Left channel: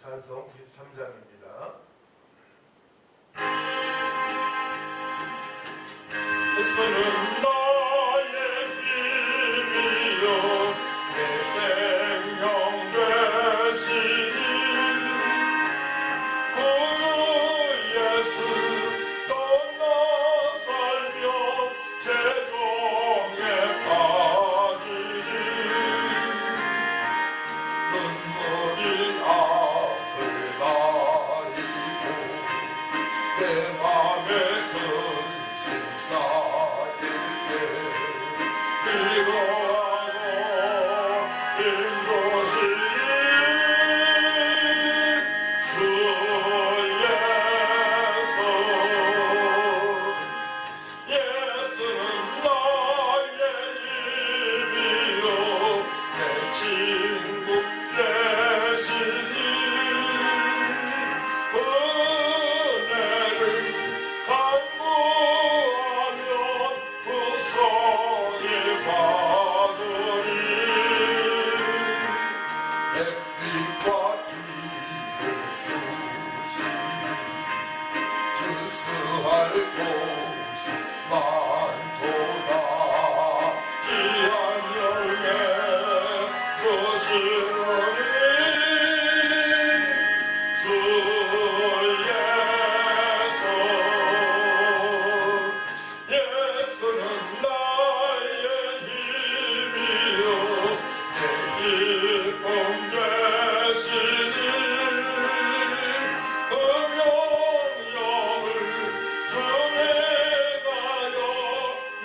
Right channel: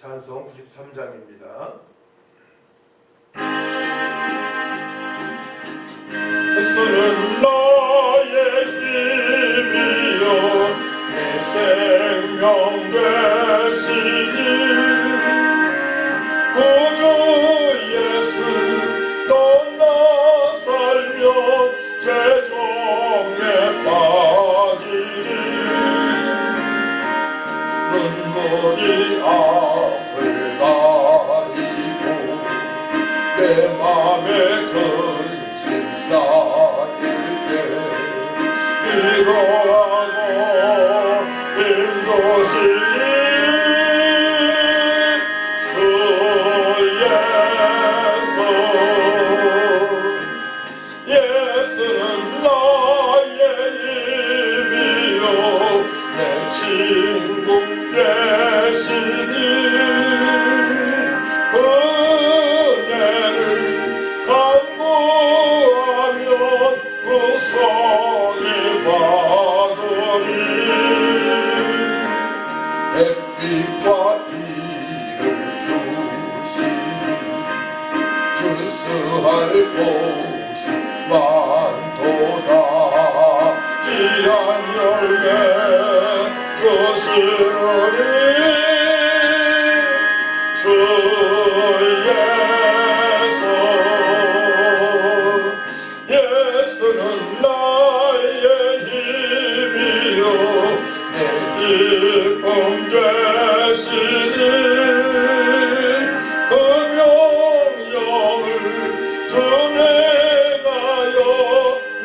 찬송 93장입니다. 예수는 나의 힘이요 내 생명 되시니 구주 예수 또 나 살려 재정에 빠지니 눈물이 앞을 가리고 내 맘에 큰 쌓일 때 이거하고 힘주시니 주 예수 예수는 나의 힘이요 내 친구 되시니 햇빛과 비를 주시니 주스할 곳이 많도다 귀한 열매 주시느니 주 예수 예수는 나의 힘이요 내 기쁨 되시니 그 명령을 주내 가여 늘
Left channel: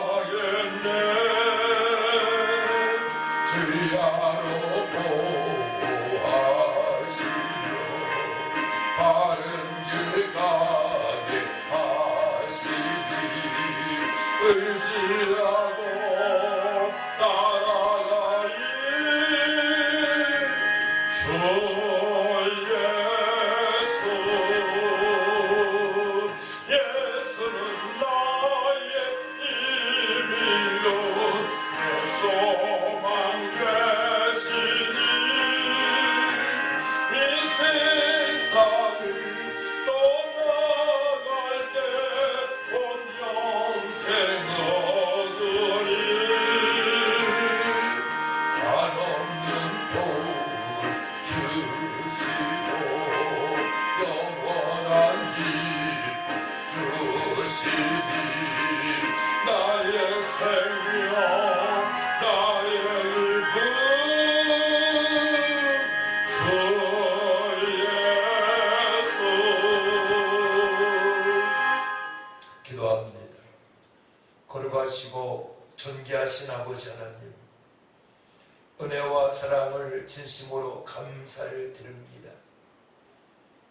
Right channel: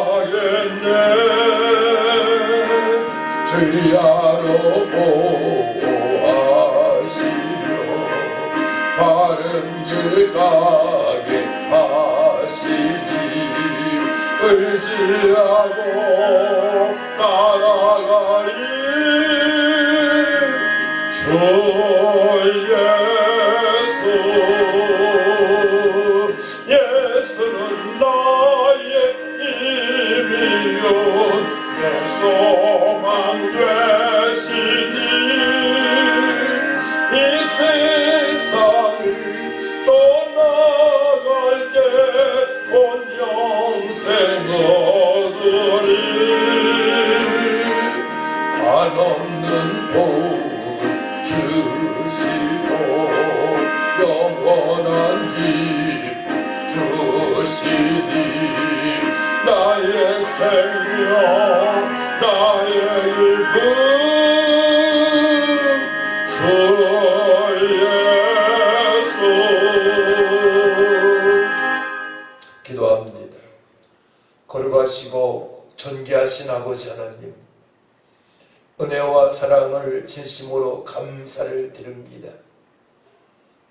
충성하겠네 주야로 보호하시며 바른 길 가게 하시니 의지하고 따라가리 주 예수 예수는 나의 힘이요 내 소망 되시니 이 세상을 떠나갈 때 온 영생 얻으리 한없는 복을 주시고 영원한 기쁨 주시니 나의 생명 나의 일부 주 예수 기도합니다. 거룩하시고 존귀하신 아버지 하나님, 은혜와 사랑을 진심으로 감사를 드립니다.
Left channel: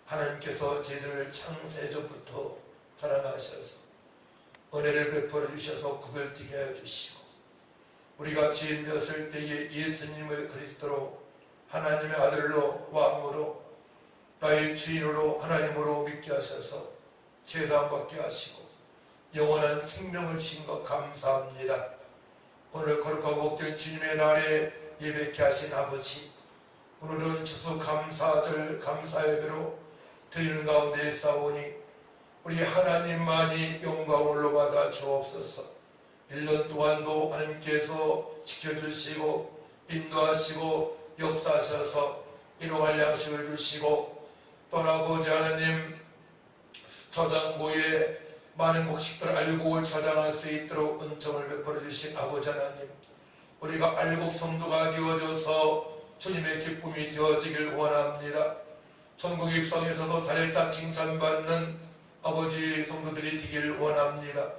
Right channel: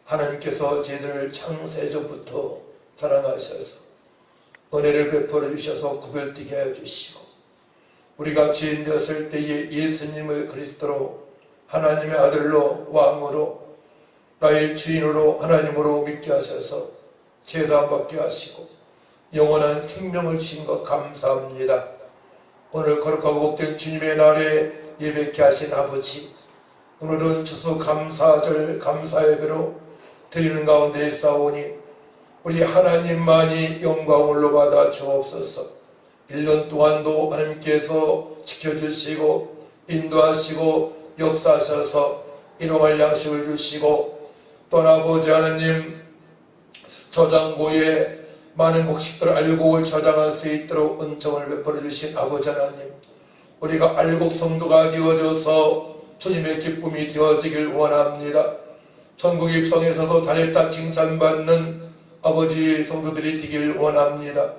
하나님께서 저희들을 창세전부터 사랑하셔서 은혜를 베풀어 주셔서 구별되게 해주시고 우리가 죄인 되었을 때에 예수님을 그리스도로 하나님의 아들로 왕으로 나의 주인으로 하나님으로 믿게 하셔서 제사받게 하시고 영원한 생명을 주신 것 감사합니다. 오늘 거룩하고 복된 주님의 날에 예배케 하신 아버지, 오늘은 추수감사절 감사예배로 드리는 가운데 싸우니 우리 하나님만이 영광을 받아 주옵소서. 1년 동안도 하나님께서 지켜주시고 인도하시고 역사하셔서 일용할 양식을 주시고 또 아버지 하나님 저장고에 많은 곡식들을 알곡을 저장할 수 있도록 은총을 베풀어 주신 아버지 하나님, 우리가 알곡 성도가 되어져서 주님의 기쁨이 되어지길 원합니다. 천국 입성에서도 잘했다 칭찬받는 아버지 성도들이 되길 원합니다.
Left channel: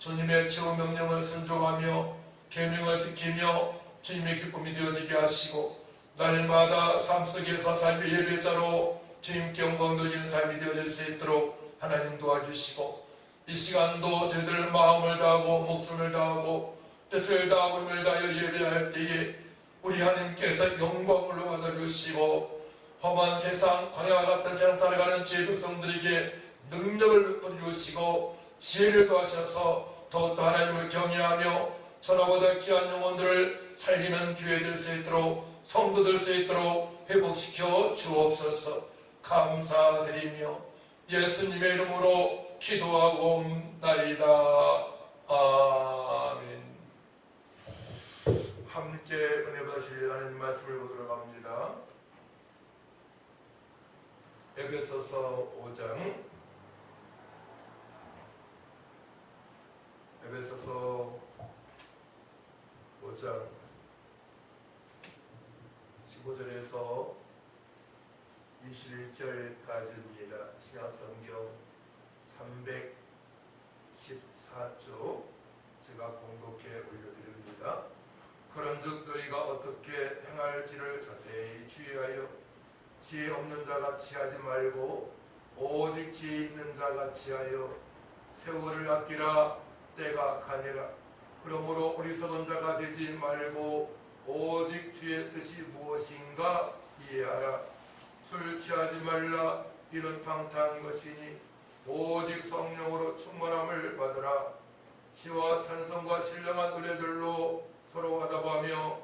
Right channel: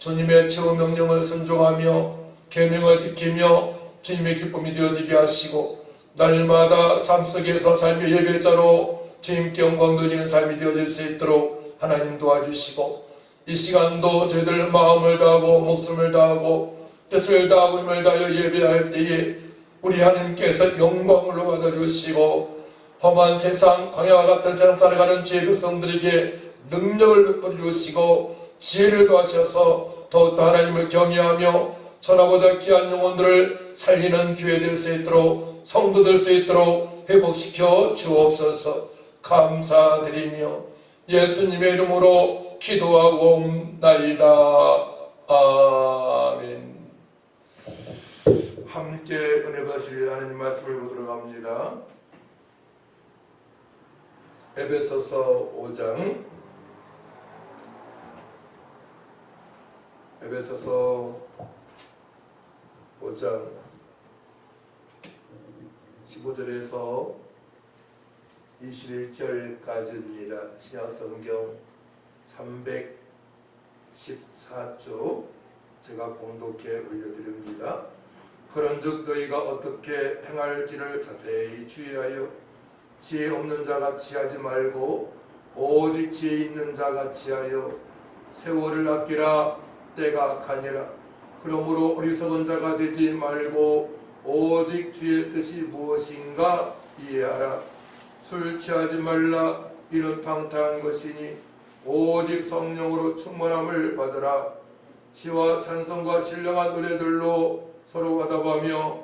주님의 최후 명령을 순종하며 계명을 지키며 주님의 기쁨이 되어지게 하시고 날마다 삶 속에서 삶의 예배자로 주님께 영광 돌리는 삶이 되어질 수 있도록 하나님 도와주시고 이 시간도 저희들 마음을 다하고 목숨을 다하고 뜻을 다하고 힘을 다하여 예배할 때에 우리 하나님께서 영광을 받아주시고 험한 세상 광야와 같은 세상 살아가는 주의 백성들에게 능력을 베풀어 주시고 지혜를 더하셔서 더욱더 하나님을 경외하며 천하보다 귀한 영혼들을 살리는 기회 될 수 있도록 성도 될 수 있도록 회복시켜 주옵소서. 감사드리며 예수님의 이름으로 기도하옵나이다. 아멘. 함께 은혜 받으실 하나님 말씀을 보도록 합니다. 에베소서 5장 15절에서 21절까지입니다. 신약성경 314쪽 제가 공독해 올려드립니다. 그런즉 너희가 어떻게 행할지를 자세히 주의하여 지혜 없는 자같이 하지 말고 오직 지혜 있는 자같이 하여 세월을 아끼라. 때가 가니라. 그러므로 어리석은 자가 되지 말고 오직 주의 뜻이 무엇인가 이해하라. 술 취하지 말라. 이는 방탕한 것이니 오직 성령으로 충만함을 받으라. 시와 찬송과 신령한 노래들로 서로 화답하며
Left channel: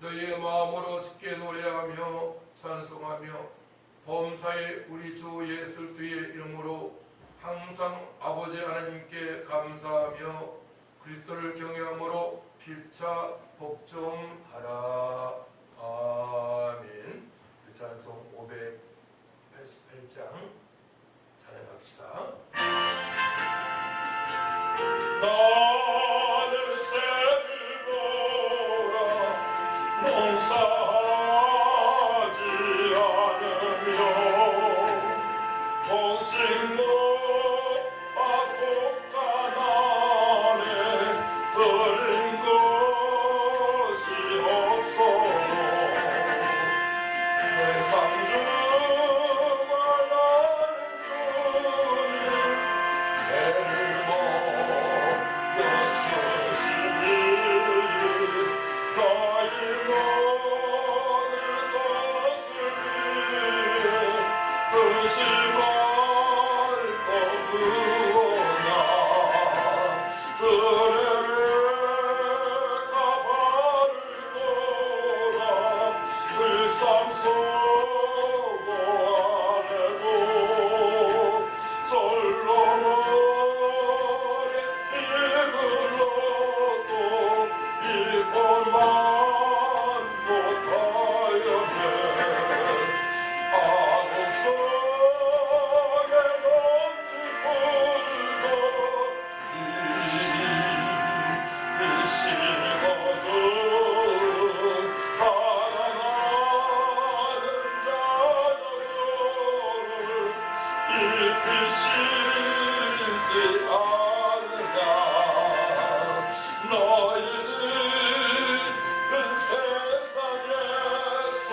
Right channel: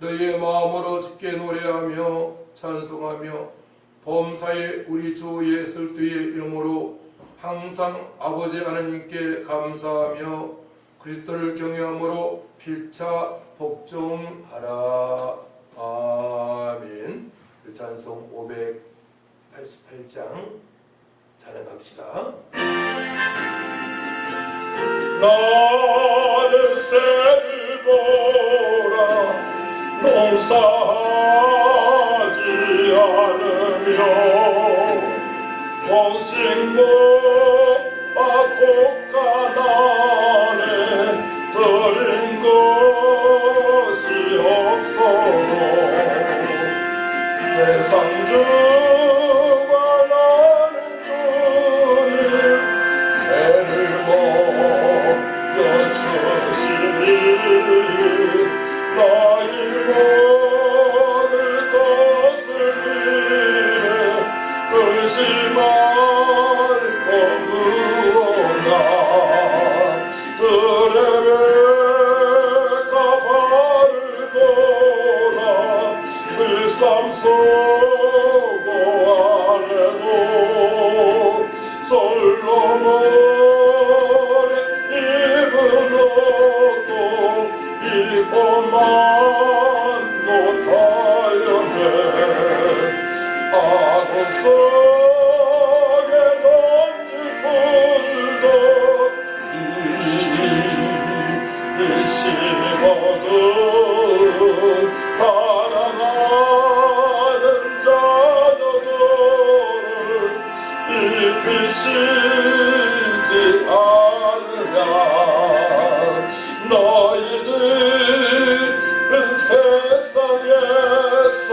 너희의 마음으로 주께 노래하며 찬송하며 범사에 우리 주 예수 그리스도의 이름으로 항상 아버지 하나님께 감사하며 그리스도를 경외함으로 필차 복종하라. 아멘. 찬송 588장 찬양합시다. 나는 새를 보라 농사하지 않으며 곡식모 곡간안에 들인 것이 없어도 세상 주관하는 주님 새를 먹여주시니 너희 모든 것을 위해 근심할 거무어나 드레베카 발을 보라 일삼 서고 안에도 솔로몬의 입은 옷도 입고만 못하였네. 아군 속에 던질 불도 이시거든 사랑하는 자녀들을 입히시지 않으랴. 너희들은 세상에서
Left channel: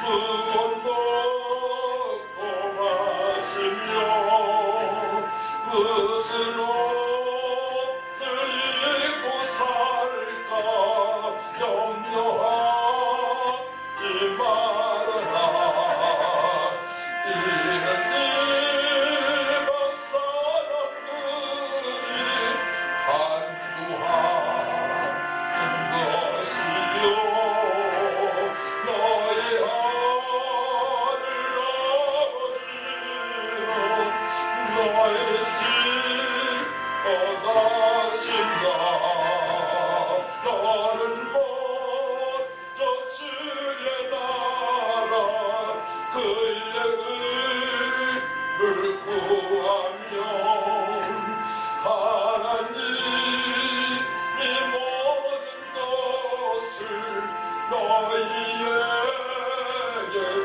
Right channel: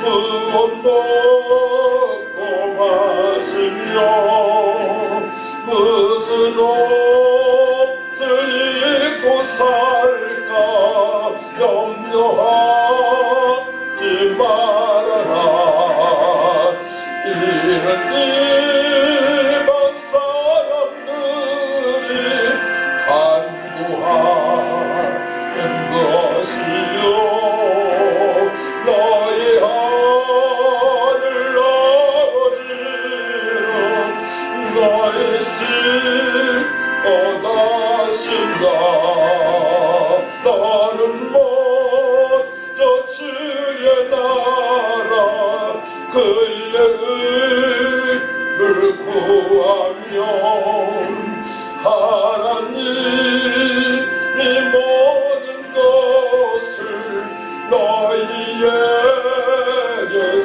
무엇 먹고 마시며 무슨 옷을 입고 살까 염려하지 말아라. 이는 이방 사람들이 간구하는 것이요 너희 하늘 아버지는 너희 씻고 나신다. 너는 먼저 주의 나라 그의 의를 구하면 하나님이 모든 것을 너희에게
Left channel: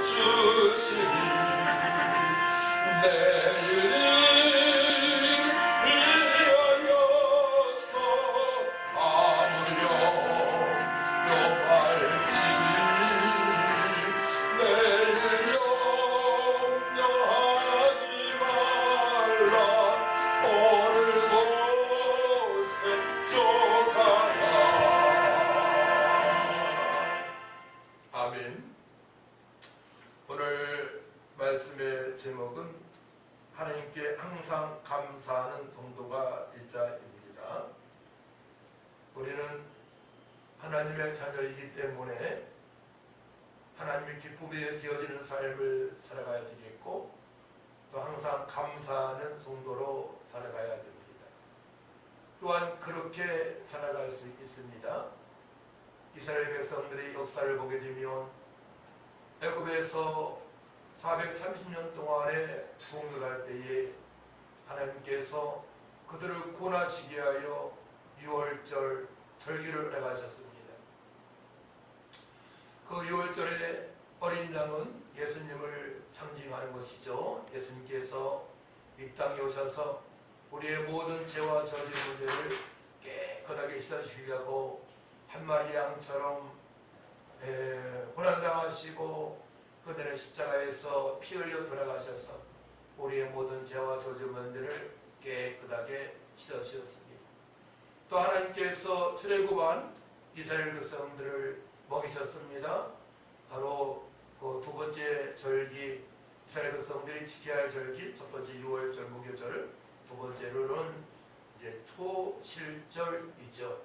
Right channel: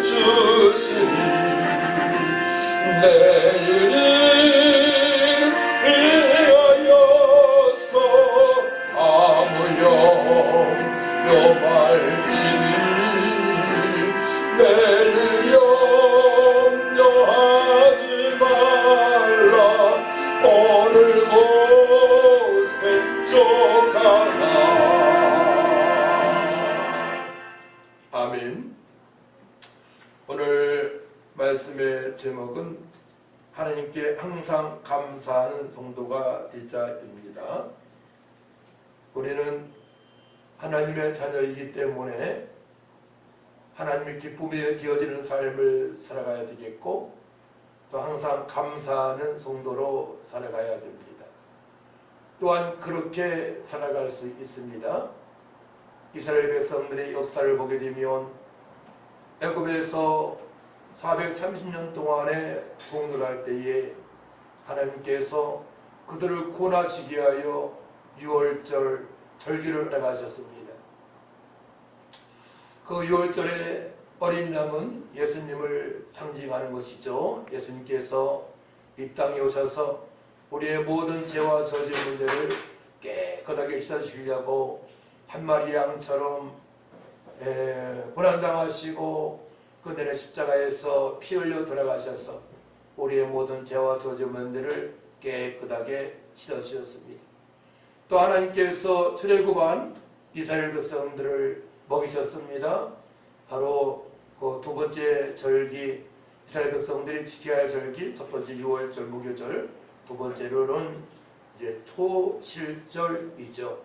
주시니 내일 위하여서 아무 염려 말지니 내일 염려하지 말라. 오늘 곳에 쫓아가. 아멘. 오늘 말씀의 제목은 하나님께 항상 감사하는 성도가 되자입니다. 우리는 하나님의 자녀이기 때문에 하나님의 기쁨에 기어지는 삶을 살아가야 되겠고 또 항상 감사하는 성도로 살아가야 됩니다. 또한 그렇게 살아갈 수 있습니다. 이스라엘 백성들의 역사를 보게 되면 애굽에서 430년 동안에 종노할 때에 하나님께서 그들을 구원하시기 위하여 6월절 절기를 허락하셨습니다. 그 6월절에 어린 양은 예수님을 상징하는 것이죠. 예수님께서 이 땅에 오셔서 우리의 모든 죄와 저주 문제를 깨끗하게 씻어주시려고 한 마리 양처럼 고난당하시고 그들의 십자가에서 피 흘려 돌아가셔서 우리의 모든 죄와 저주 문제를 깨끗하게 씻어주셨습니다. 또 하나님께서 출애굽한 이스라엘 백성들을 먹이셨습니다. 바로 그 두 번째 절기, 이스라엘 백성들이 지켜야 할 절기, 첫 번째 6월절 무교절, 두 번째로는 이제 초실절이죠.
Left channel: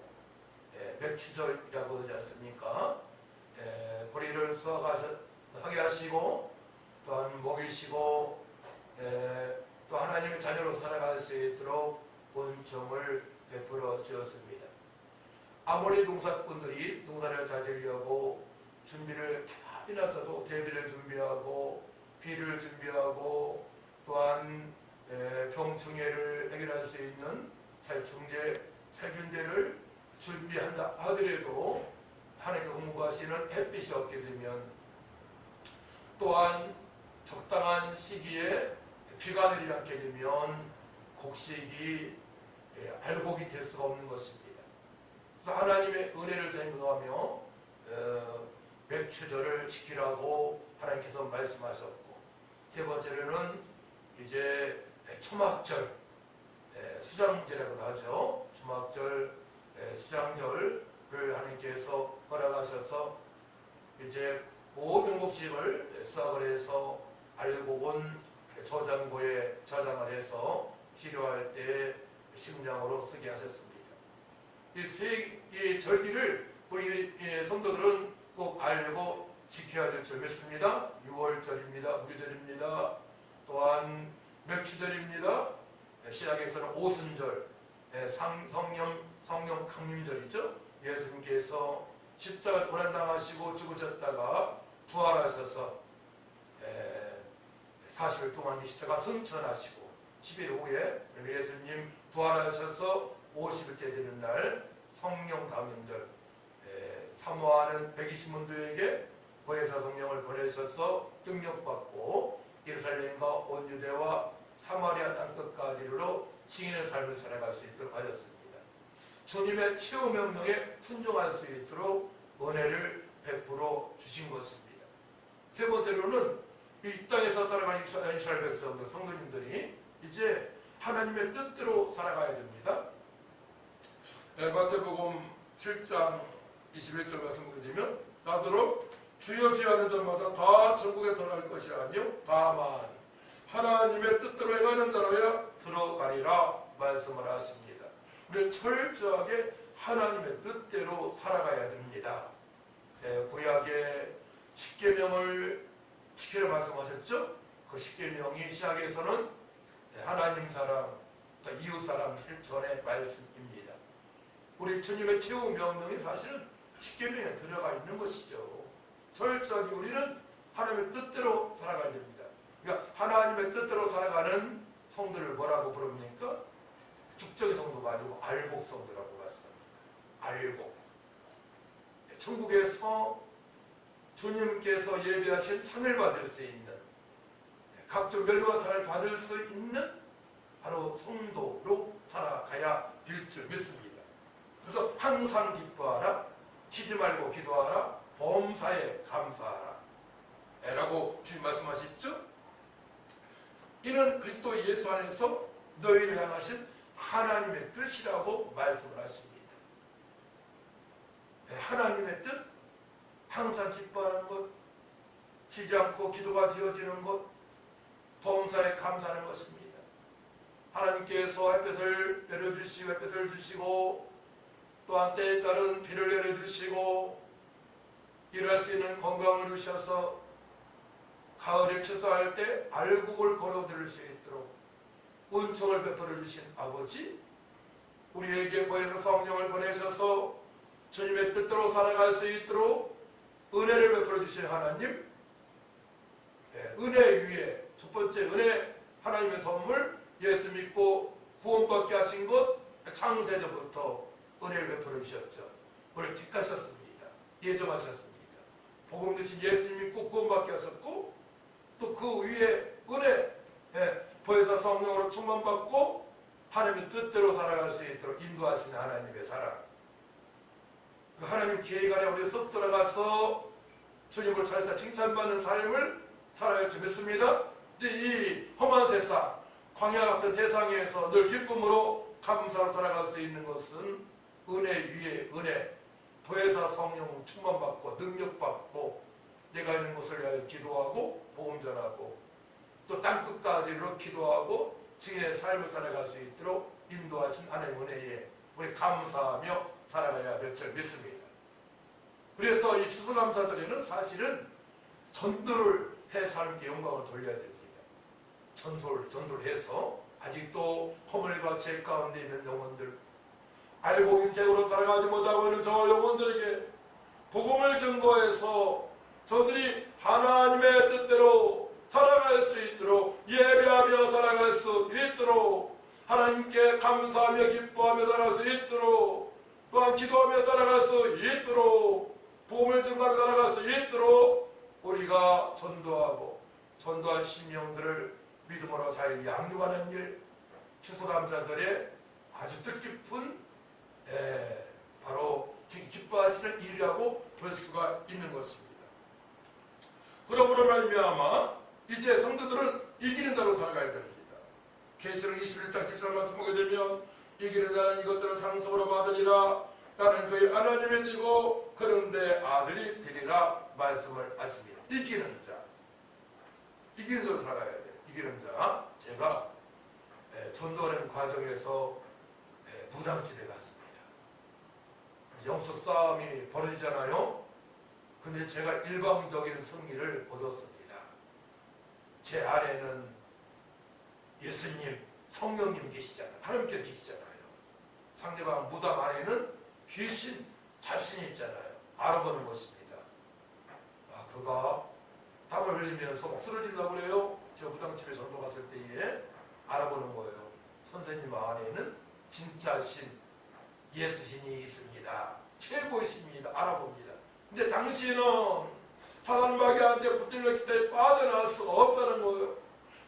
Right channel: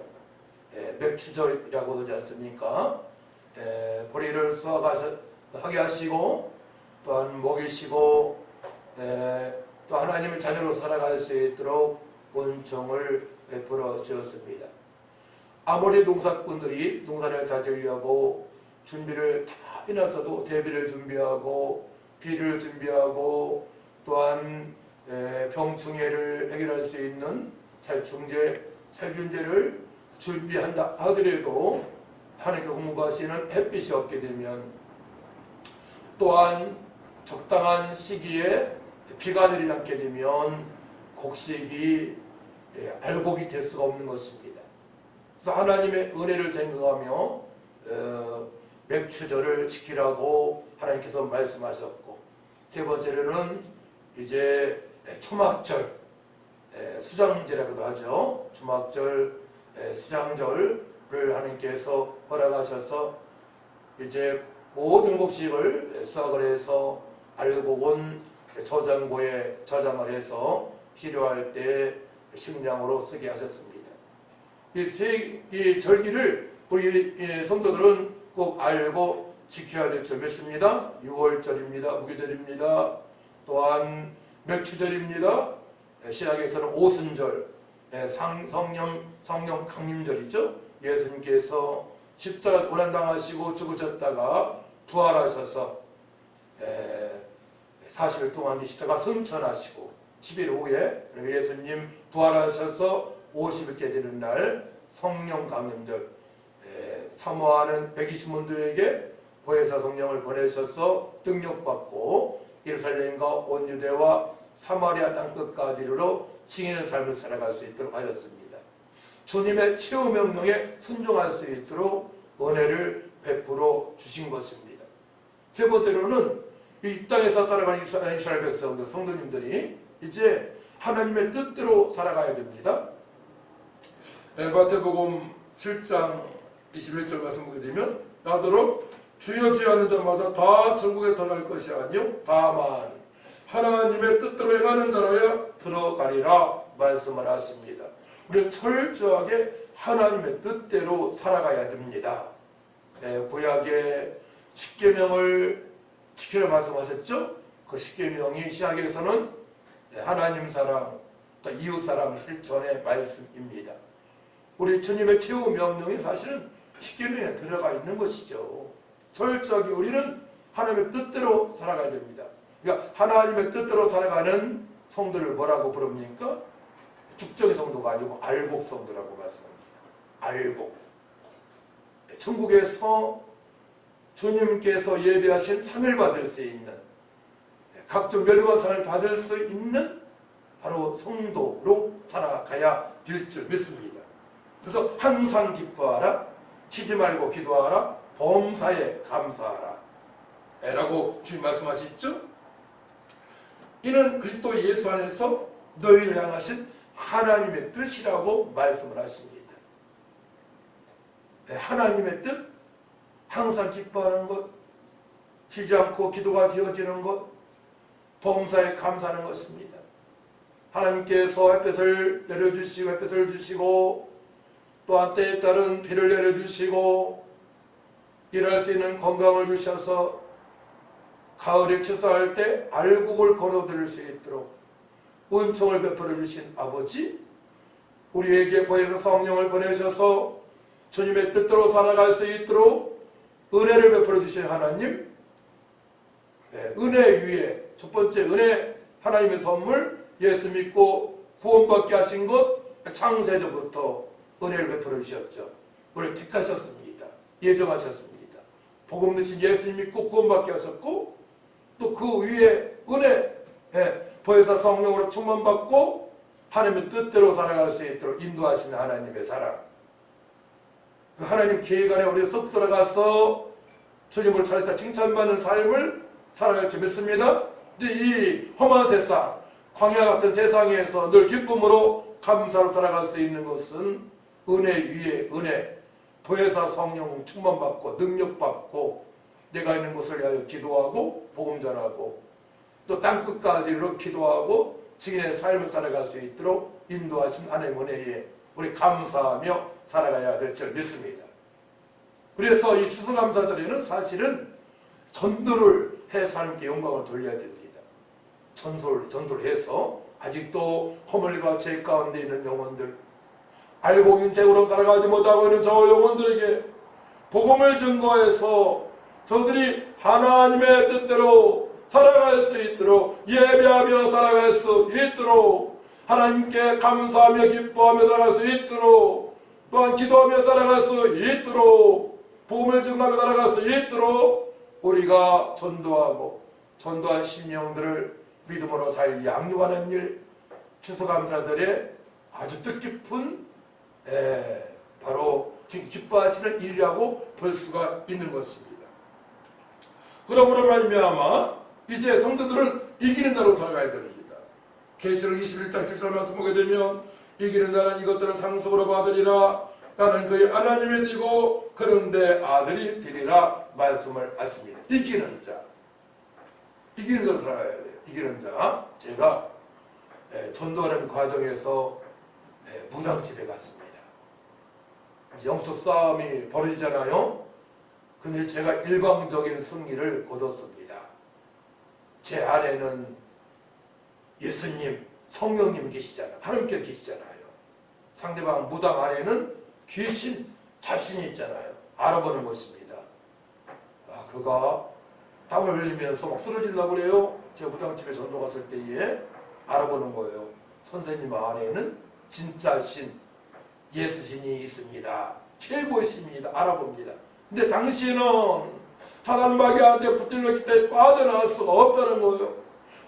맥추절이라고 하지 않습니까? 보리를 수확하게 하시고 또한 먹이시고 또 하나님의 자녀로 살아갈 수 있도록 은총을 베풀어 주었습니다. 아모리 농사꾼들이 농사를 자지려고 준비를 다 해놨어도 대비를 준비하고 비를 준비하고 또한 병충해를 해결할 수 있는 살균제를 준비한다 하더라도 하나님께 공부하시는 햇빛이 없게 되면 또한 적당한 시기에 비가 내리지 않게 되면 곡식이 알곡이 될 수가 없는 것입니다. 그래서 하나님의 은혜를 생각하며 맥추절을 지키라고 하나님께서 말씀하셨고, 세 번째로는 이제 초막절, 수장제라고도 하죠. 초막절, 수장절을 하나님께서 허락하셔서 이제 모든 곡식을 수확을 해서 알곡은 저장고에 저장을 해서 필요할 때 식량으로 쓰게 하셨습니다. 이 절기를 우리 성도들은 꼭 알고 지켜야 될 줄 믿습니다. 6월절입니다. 무교절입니다. 또한 맥추절입니다. 신약에서는 오순절, 성령 강림절이죠. 예수님께서 십자가 고난당하시고 죽으셨다가 부활하셔서 40일 동안 이 십자가 승천하시고 10일 후에 예수님 부활하셔서 50일째 되는 날 성령 강림절, 사모하는 120문도에게 보혜사 성령을 보내셔서 능력받고 예루살렘과 온 유대와 사마리아 땅끝까지 이르러 증인의 삶을 살아갈 수 있도록 하셨습니다. 주님의 최후 명령에 순종할 수 있도록 은혜를 베풀어 주신 것입니다. 세 번째로는 이 땅에서 살아가는 이스라엘 백성들, 성도님들이 이제 하나님의 뜻대로 살아가야 됩니다. 마태복음 7장 21절 말씀 보게 되면 나더러 주여 주여 하는 자마다 다 천국에 들어갈 것이 아니요 다만 하나님의 뜻대로 행하는 자라야 들어가리라 말씀을 하십니다. 우리는 철저하게 하나님의 뜻대로 살아가야 됩니다. 구약의 십계명을 지키라 말씀하셨죠? 그 십계명이 시작에서는 하나님 사랑, 또 이웃 사랑 실천의 말씀입니다. 우리 주님의 최후 명령이 사실은 십계명에 들어가 있는 것이죠. 철저하게 우리는 하나님의 뜻대로 살아가야 됩니다. 그러니까 하나님의 뜻대로 살아가는 성도를 뭐라고 부릅니까? 죽정의 성도가 아니고 알곡 성도라고 말씀합니다. 알곡. 천국에서 주님께서 예배하신 상을 받을 수 있는, 각종 멸관상을 받을 수 있는 바로 성도로 살아가야 될 줄 믿습니다. 그래서 항상 기뻐하라, 쉬지 말고 기도하라, 범사에 감사하라 라고 주님 말씀하셨죠. 이는 그리스도 예수 안에서 너희를 향하신 하나님의 뜻이라고 말씀을 하십니다. 하나님의 뜻, 항상 기뻐하는 것, 쉬지 않고 기도가 되어지는 것, 범사에 감사하는 것입니다. 하나님께서 햇볕을 내려주시고 햇볕을 주시고 또한 때에 따른 비를 내려주시고 일할 수 있는 건강을 주셔서 가을에 추수할 때 알곡을 걸어들일 수 있도록 은총을 베풀어 주신 아버지, 우리에게 보혜사 성령을 보내셔서 주님의 뜻대로 살아갈 수 있도록 은혜를 베풀어 주신 하나님, 은혜 위에 첫 번째 은혜, 하나님의 선물, 예수 믿고 구원받게 하신 것, 창세전부터 은혜를 베풀어 주셨죠. 우리를 택하셨습니다. 예정하셨습니다. 복음 드신 예수 믿고 구원받게 하셨고, 또 그 위에 은혜, 보혜사 성령으로 충만받고 하나님의 뜻대로 살아갈 수 있도록 인도하시는 하나님의 사랑, 그 하나님 계획 안에 우리 쏙 들어가서 주님을 찾았다 칭찬받는 삶을 살아갈 줄 믿습니다. 이제 이 험한 세상, 광야 같은 세상에서 늘 기쁨으로 감사로 살아갈 수 있는 것은 은혜 위에 은혜, 보혜사 성령 충만받고 능력받고 내가 있는 곳을 위하여 기도하고 복음 전하고 또 땅끝까지 이르러 기도하고 증인의 삶을 살아갈 수 있도록 인도하신 하나님의 은혜에 우리 감사하며 살아가야 될 줄 믿습니다. 그래서 이 추수감사절에는 사실은 전도를 해서 하나님께 영광을 돌려야 됩니다. 전도를 해서 아직도 허물과 죄 가운데 있는 영혼들, 알고 인생으로 살아가지 못하고 있는 저 영혼들에게 복음을 증거해서 저들이 하나님의 뜻대로 살아갈 수 있도록, 예배하며 살아갈 수 있도록, 하나님께 감사하며 기뻐하며 살아갈 수 있도록, 또한 기도하며 살아갈 수 있도록, 복음을 증거하며 살아갈 수 있도록 우리가 전도하고 전도한 심령들을 믿음으로 잘 양육하는 일, 추수감사절에 아주 뜻깊은 바로 기뻐하시는 일이라고 볼 수가 있는 것입니다. 그러므로 말미암아 이제 성도들은 이기는 자로 살아가야 됩니다. 계시록 21장 7절 말씀 보게 되면 이기는 자는 이것들을 상속으로 받으리라. 나는 그의 하나님이 되고 그런데 아들이 되리라 말씀을 하십니다. 이기는 자, 이기는 자로 살아가야 돼요. 이기는 자, 제가 전도하는 과정에서 무당집에 갔습니다. 영적 싸움이 벌어지잖아요. 근데 제가 일방적인 승리를 거뒀습니다. 제 안에는 예수님, 성령님 계시잖아요. 하나님께 계시잖아요. 상대방 무당 안에는 귀신, 잡신이 있잖아요. 알아보는 것입니다. 그가 땀을 흘리면서 막 쓰러지려고 그래요. 제가 무당집에 전도 갔을 때에 알아보는 거예요. 선생님 안에는 진짜 신, 예수신이 있습니다. 최고의 신입니다. 알아봅니다. 근데 당신은 사단마귀한테 붙들렸기 때문에 빠져나올 수가 없다는 거예요.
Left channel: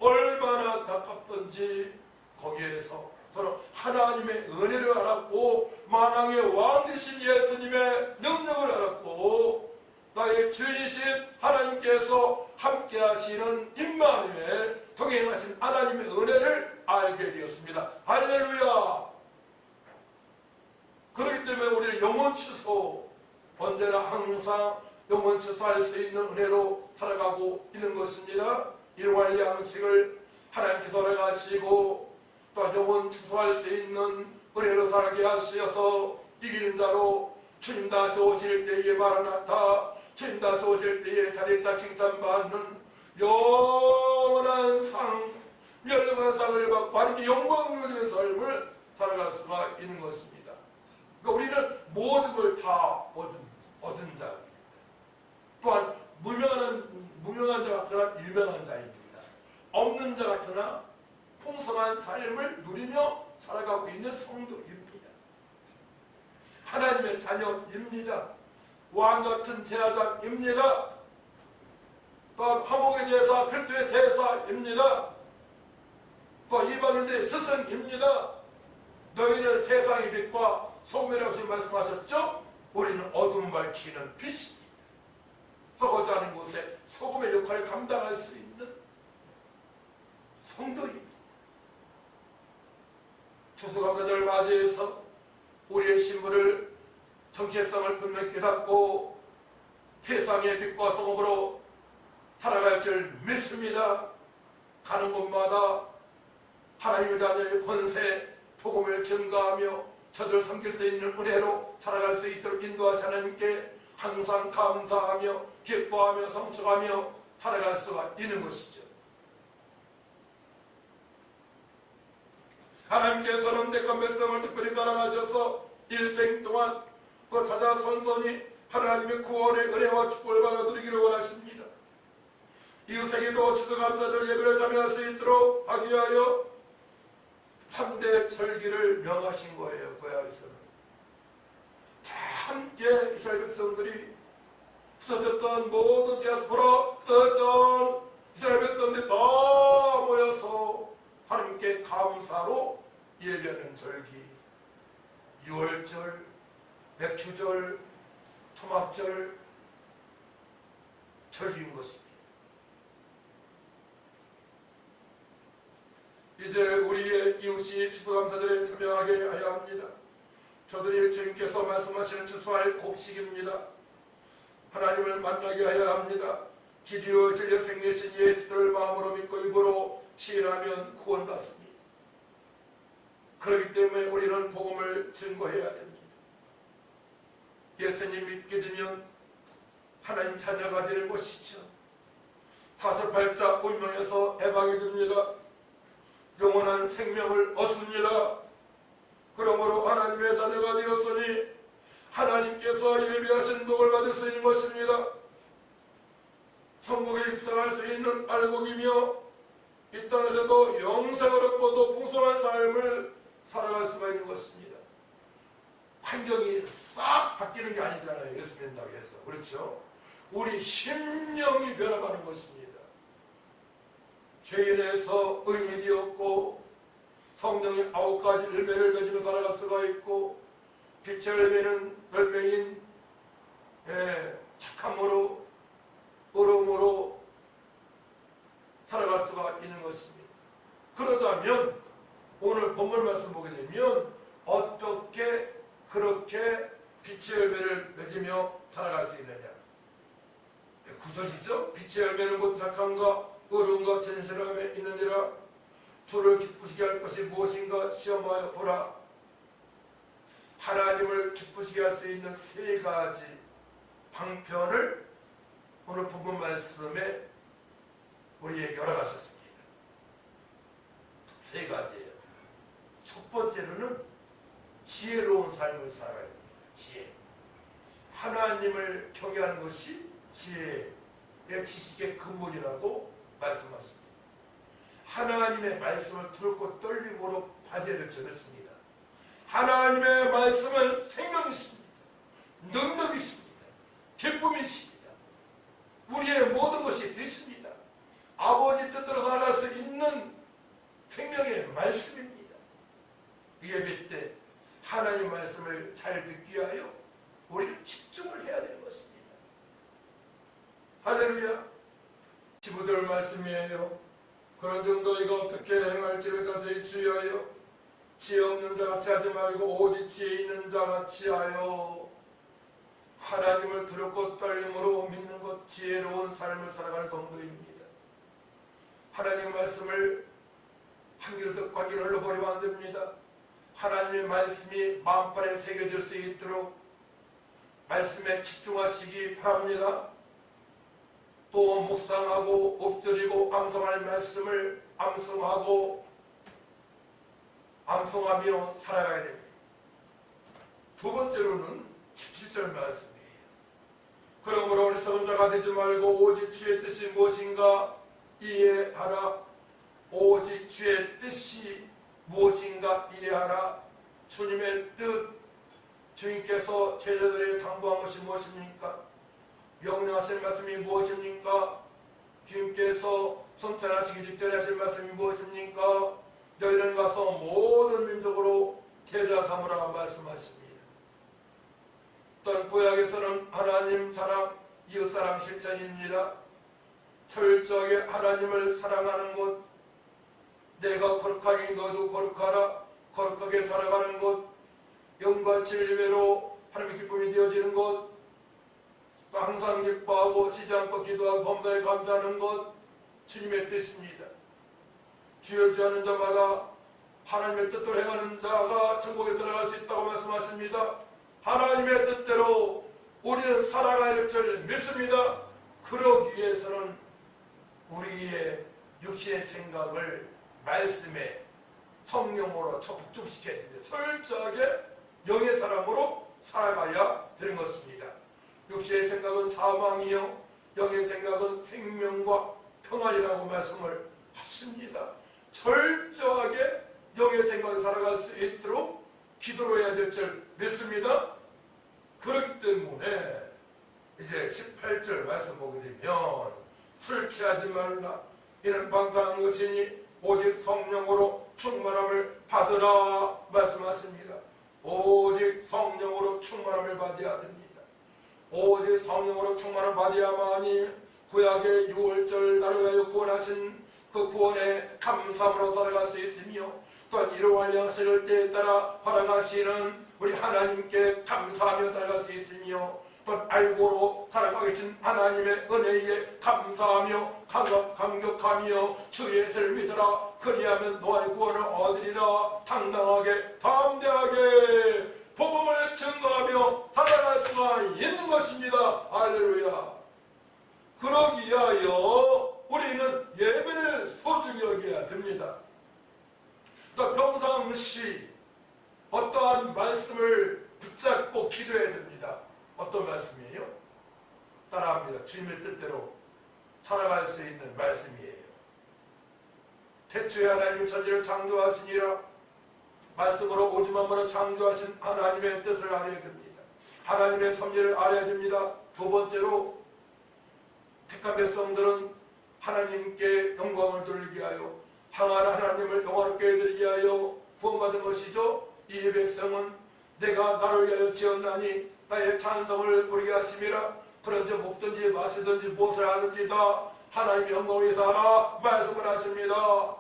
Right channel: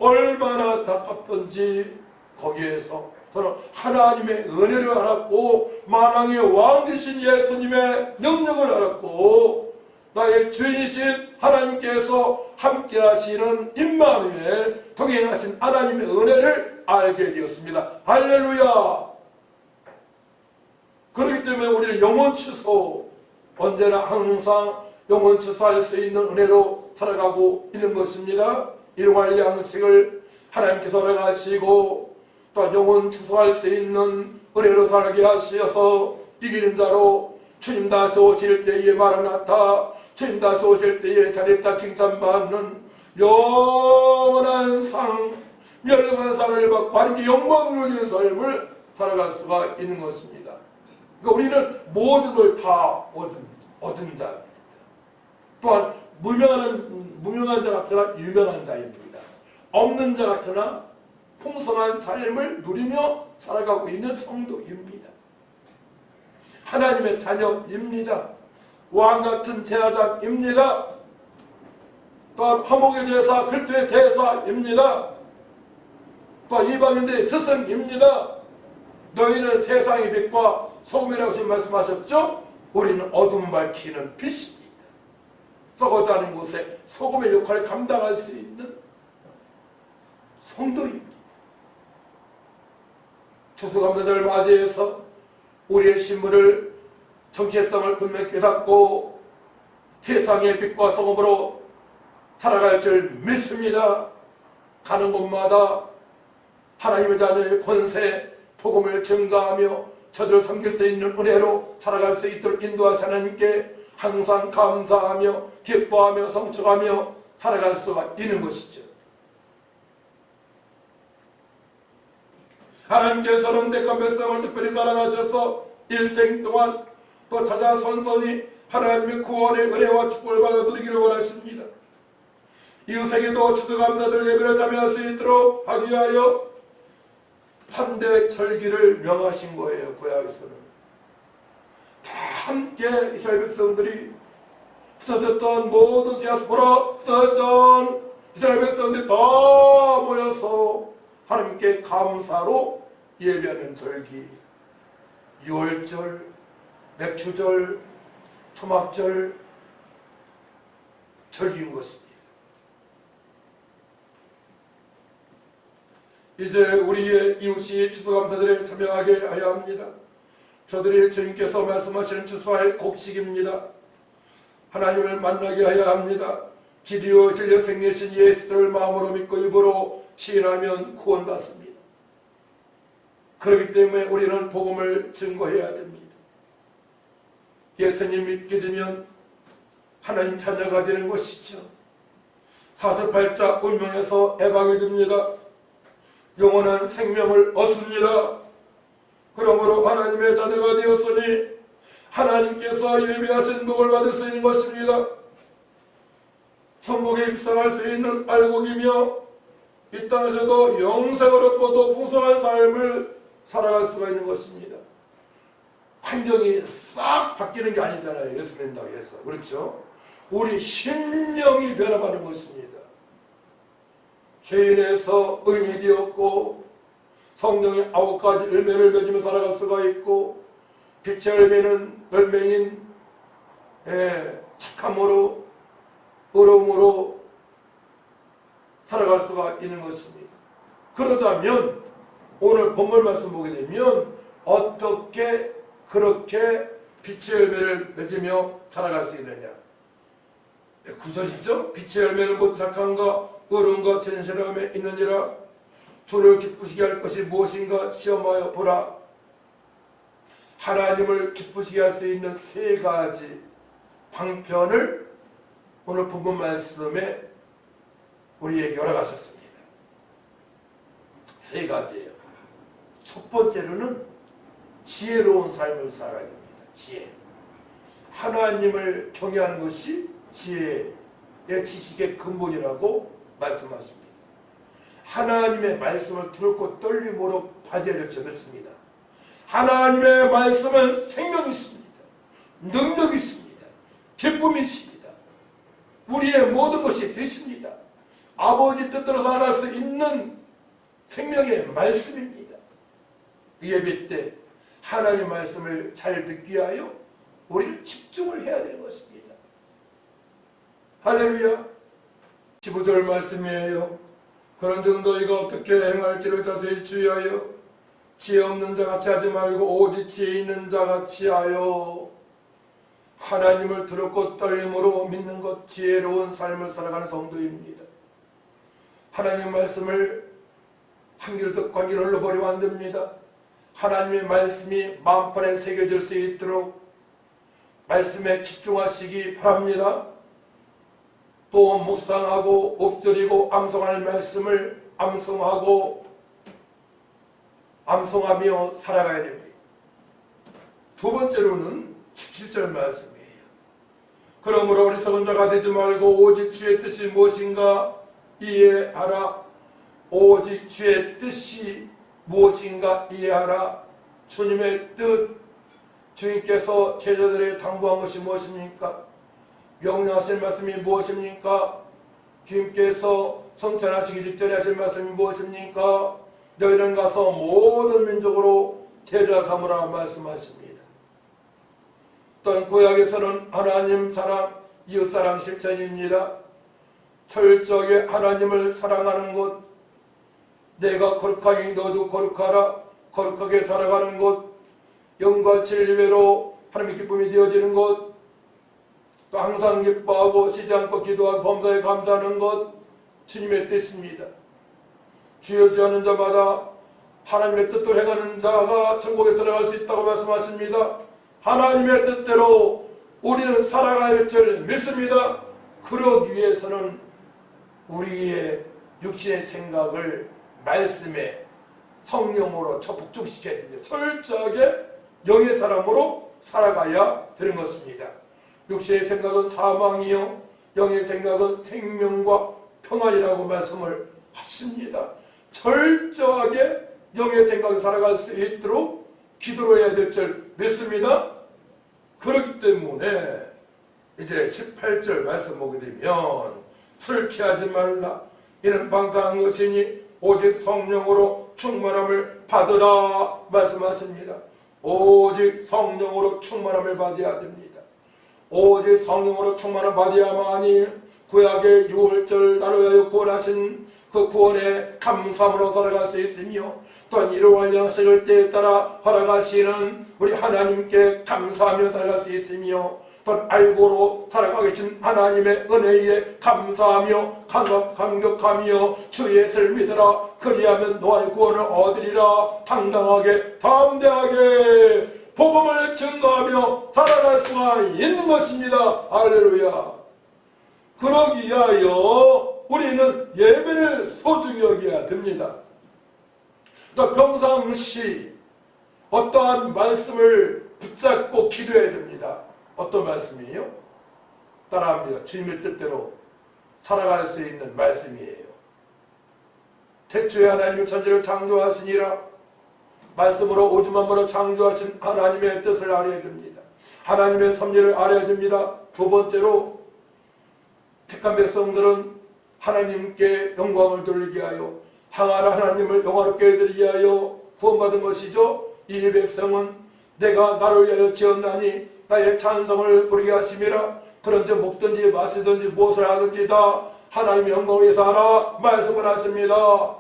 얼마나 안타깝던지 거기에서 저는 하나님의 은혜를 알았고 만왕의 왕 되신 예수님의 능력을 알았고 나의 주인이신 하나님께서 함께 하시는 임마누엘 동행하신 하나님의 은혜를 알게 되었습니다. 할렐루야. 그렇기 때문에 우리는 영혼 추수, 언제나 항상 영혼 추수할 수 있는 은혜로 살아가고 있는 것입니다. 일용할 양식을 하나님께서 허락하시고 또 영혼 추수할 수 있는 은혜로 살게 하시어서 이기는 자로 주님 다시 오실 때에 마라나타, 주님 다시 오실 때에 잘했다 칭찬받는 영원한 상, 멸망한 상을 받고 하나님께 영광을 누리는 삶을 살아갈 수가 있는 것입니다. 그러니까 우리는 모든 걸 다 얻은 자입니다. 또한 무명한 자 같으나 유명한 자입니다. 없는 자 같으나 풍성한 삶을 누리며 살아가고 있는 성도입니다. 하나님의 자녀입니다. 왕같은 제사장입니다. 또한 화목의 대사, 그리스도의 대사입니다. 또 이방인들의 스승입니다. 너희는 세상의 빛과 소금이라고 말씀하셨죠? 우리는 어둠 밝히는 빛입니다. 썩어지 않은 곳에 소금의 역할을 감당할 수 있는 성도입니다. 추수감사절을 맞이해서 우리의 신분을, 정체성을 분명히 깨닫고 세상의 빛과 소금으로 살아갈 줄 믿습니다. 가는 곳마다 하나님의 자녀의 권세, 복음을 증가하며 저들을 섬길 수 있는 은혜로 살아갈 수 있도록 인도하시 하나님께 항상 감사하며 기뻐하며 성취하며 살아갈 수가 있는 것이죠. 하나님께서는 택한 백성을 특별히 사랑하셔서 일생 동안 또 찾아 선선히 하나님의 구원의 은혜와 축복을 받아 누리기를 원하십니다. 이웃에게도 추수감사절 예배를 참여할 수 있도록 하기 위하여 3대 절기를 명하신 거예요. 구약에서는 다 함께 이스라엘 백성들이 흩어졌던 모든 디아스포라 흩어졌던 이스라엘 백성들이 다 모여서 하나님께 감사로 예배하는 절기, 유월절, 맥주절, 초막절 절기인 것입니다. 이제 우리의 이웃이 추수감사절에 참여하게 하여 합니다. 저들이 주님께서 말씀하시는 추수할 곡식입니다. 하나님을 만나게 하여 합니다. 길이요 진리요 생리신 예수를 마음으로 믿고 입으로 시인하면 구원받습니다. 그렇기 때문에 우리는 복음을 증거해야 됩니다. 예수님 믿게 되면 하나님 자녀가 되는 것이죠. 사도팔자 운명에서 해방이 됩니다. 영원한 생명을 얻습니다. 그러므로 하나님의 자녀가 되었으니 하나님께서 예비하신 복을 받을 수 있는 것입니다. 천국에 입성할 수 있는 알곡이며 이 땅에서도 영생을 얻고도 풍성한 삶을 살아갈 수가 있는 것입니다. 환경이 싹 바뀌는 게 아니잖아요. 예수 믿는다고 해서. 그렇죠? 우리 심령이 변화받는 것입니다. 죄인에서 의인이 되었고 성령의 9가지 열매를 맺으며 살아갈 수가 있고 빛의 열매인 착함으로 의로움으로 살아갈 수가 있는 것입니다. 그러자면 오늘 본문 말씀 보게 되면 어떻게 그렇게 빛의 열매를 맺으며 살아갈 수 있느냐. 9절이죠. 빛의 열매는 곧 착함과 의로움과 진실함에 있느니라. 주를 기쁘시게 할 것이 무엇인가 시험하여 보라. 하나님을 기쁘시게 할 수 있는 3가지 방편을 오늘 본문 말씀에 우리에게 열어가셨습니다. 3가지예요. 첫 번째로는 지혜로운 삶을 살아야 됩니다. 지혜. 하나님을 경외하는 것이 지혜의 지식의 근본이라고 말씀하십니다. 하나님의 말씀을 두렵고 떨림으로 받아야 될 점이 있습니다. 하나님의 말씀은 생명이 있습니다. 능력이 있습니다. 기쁨이 있습니다. 우리의 모든 것이 되십니다. 아버지 뜻대로 살아갈 수 있는 생명의 말씀입니다. 예배 때 하나님의 말씀을 잘 듣기 위하여 우리는 집중을 해야 되는 것입니다. 할렐루야. 15절 말씀이에요. 그런즉 너희가 어떻게 행할지를 자세히 주의하여 지혜 없는 자같이 하지 말고 오직 지혜 있는 자같이 하여 하나님을 두렵고 떨림으로 믿는 것, 지혜로운 삶을 살아가는 성도입니다. 하나님 말씀을 한 귀로 듣고 한 귀로 흘러버리면 안 됩니다. 하나님의 말씀이 마음판에 새겨질 수 있도록 말씀에 집중하시기 바랍니다. 또 묵상하고 엎드리고 암송할 말씀을 암송하며 살아가야 됩니다. 2번째로는 17절 말씀이에요. 그러므로 어리석은 자가 되지 말고 오직 주의 뜻이 무엇인가 이해하라. 오직 주의 뜻이 무엇인가 이해하라. 주님의 뜻, 주님께서 제자들에게 당부한 것이 무엇입니까? 명령하신 말씀이 무엇입니까? 주님께서 성찬하시기 직전에 하신 말씀이 무엇입니까? 너희는 가서 모든 민족으로 제자 삼으라 말씀하십니다. 또한 구약에서는 하나님 사랑, 이웃사랑 실천입니다. 철저하게 하나님을 사랑하는 것, 내가 거룩하니 너도 거룩하라, 거룩하게 살아가는 것, 영과 진리로 하나님의 기쁨이 되어지는 것, 또 항상 기뻐하고 쉬지 않고 기도하고 범사에 감사하는 것, 주님의 뜻입니다. 주여지하는 자마다 하나님의 뜻대로 행하는 자가 천국에 들어갈 수 있다고 말씀하십니다. 하나님의 뜻대로 우리는 살아가야 할 줄 믿습니다. 그러기 위해서는 우리의 육신의 생각을 말씀에 성령으로 북적시켜야 됩니다. 철저하게 영의 사람으로 살아가야 되는 것입니다. 육신의 생각은 사망이요 영의 생각은 생명과 평안이라고 말씀을 하십니다. 철저하게 영의 생각을 살아갈 수 있도록 기도를 해야 될 줄 믿습니다. 그렇기 때문에 이제 18절 말씀 보게 되면 술 취하지 말라 이는 방탕한 것이니 오직 성령으로 충만함을 받으라 말씀하십니다. 오직 성령으로 충만함을 받아야 됩니다. 오직 성령으로 충만함을 받아야만이 구약의 6월절 나를 위하여 구원하신 그 구원의 감사함으로 살아갈 수 있으며 또한 이러한 양식을 때에 따라 허락하시는 우리 하나님께 감사하며 살아갈 수 있으며 또한 알고로 살아가 계신 하나님의 은혜에 감사하며 감격하며 주 예수를 믿으라 그리하면 너의 구원을 얻으리라 당당하게 담대하게 복음을 증거하며 살아갈 수가 있는 것입니다. 할렐루야. 그러기 위하여 우리는 예배를 소중히 여겨야 됩니다. 또 평상시 어떠한 말씀을 붙잡고 기도해야 됩니다. 어떤 말씀이에요? 따라합니다. 주님의 뜻대로 살아갈 수 있는 말씀이에요. 태초에 하나님의 천지를 창조하시니라 말씀으로 오줌만으로 창조하신 하나님의 뜻을 알아야 됩니다. 하나님의 섭리를 알아야 됩니다. 두 번째로 택한 백성들은 하나님께 영광을 돌리게 하여 항하는 하나님을 영화롭게 해드리게 하여 구원받은 것이죠. 이 백성은 내가 나를 위하여 지었나니 나의 찬성을 부르게 하심이라 그런즉 먹든지 마시든지 무엇을 하든지 다 하나님의 영광을 위해서 하라 말씀을 하십니다.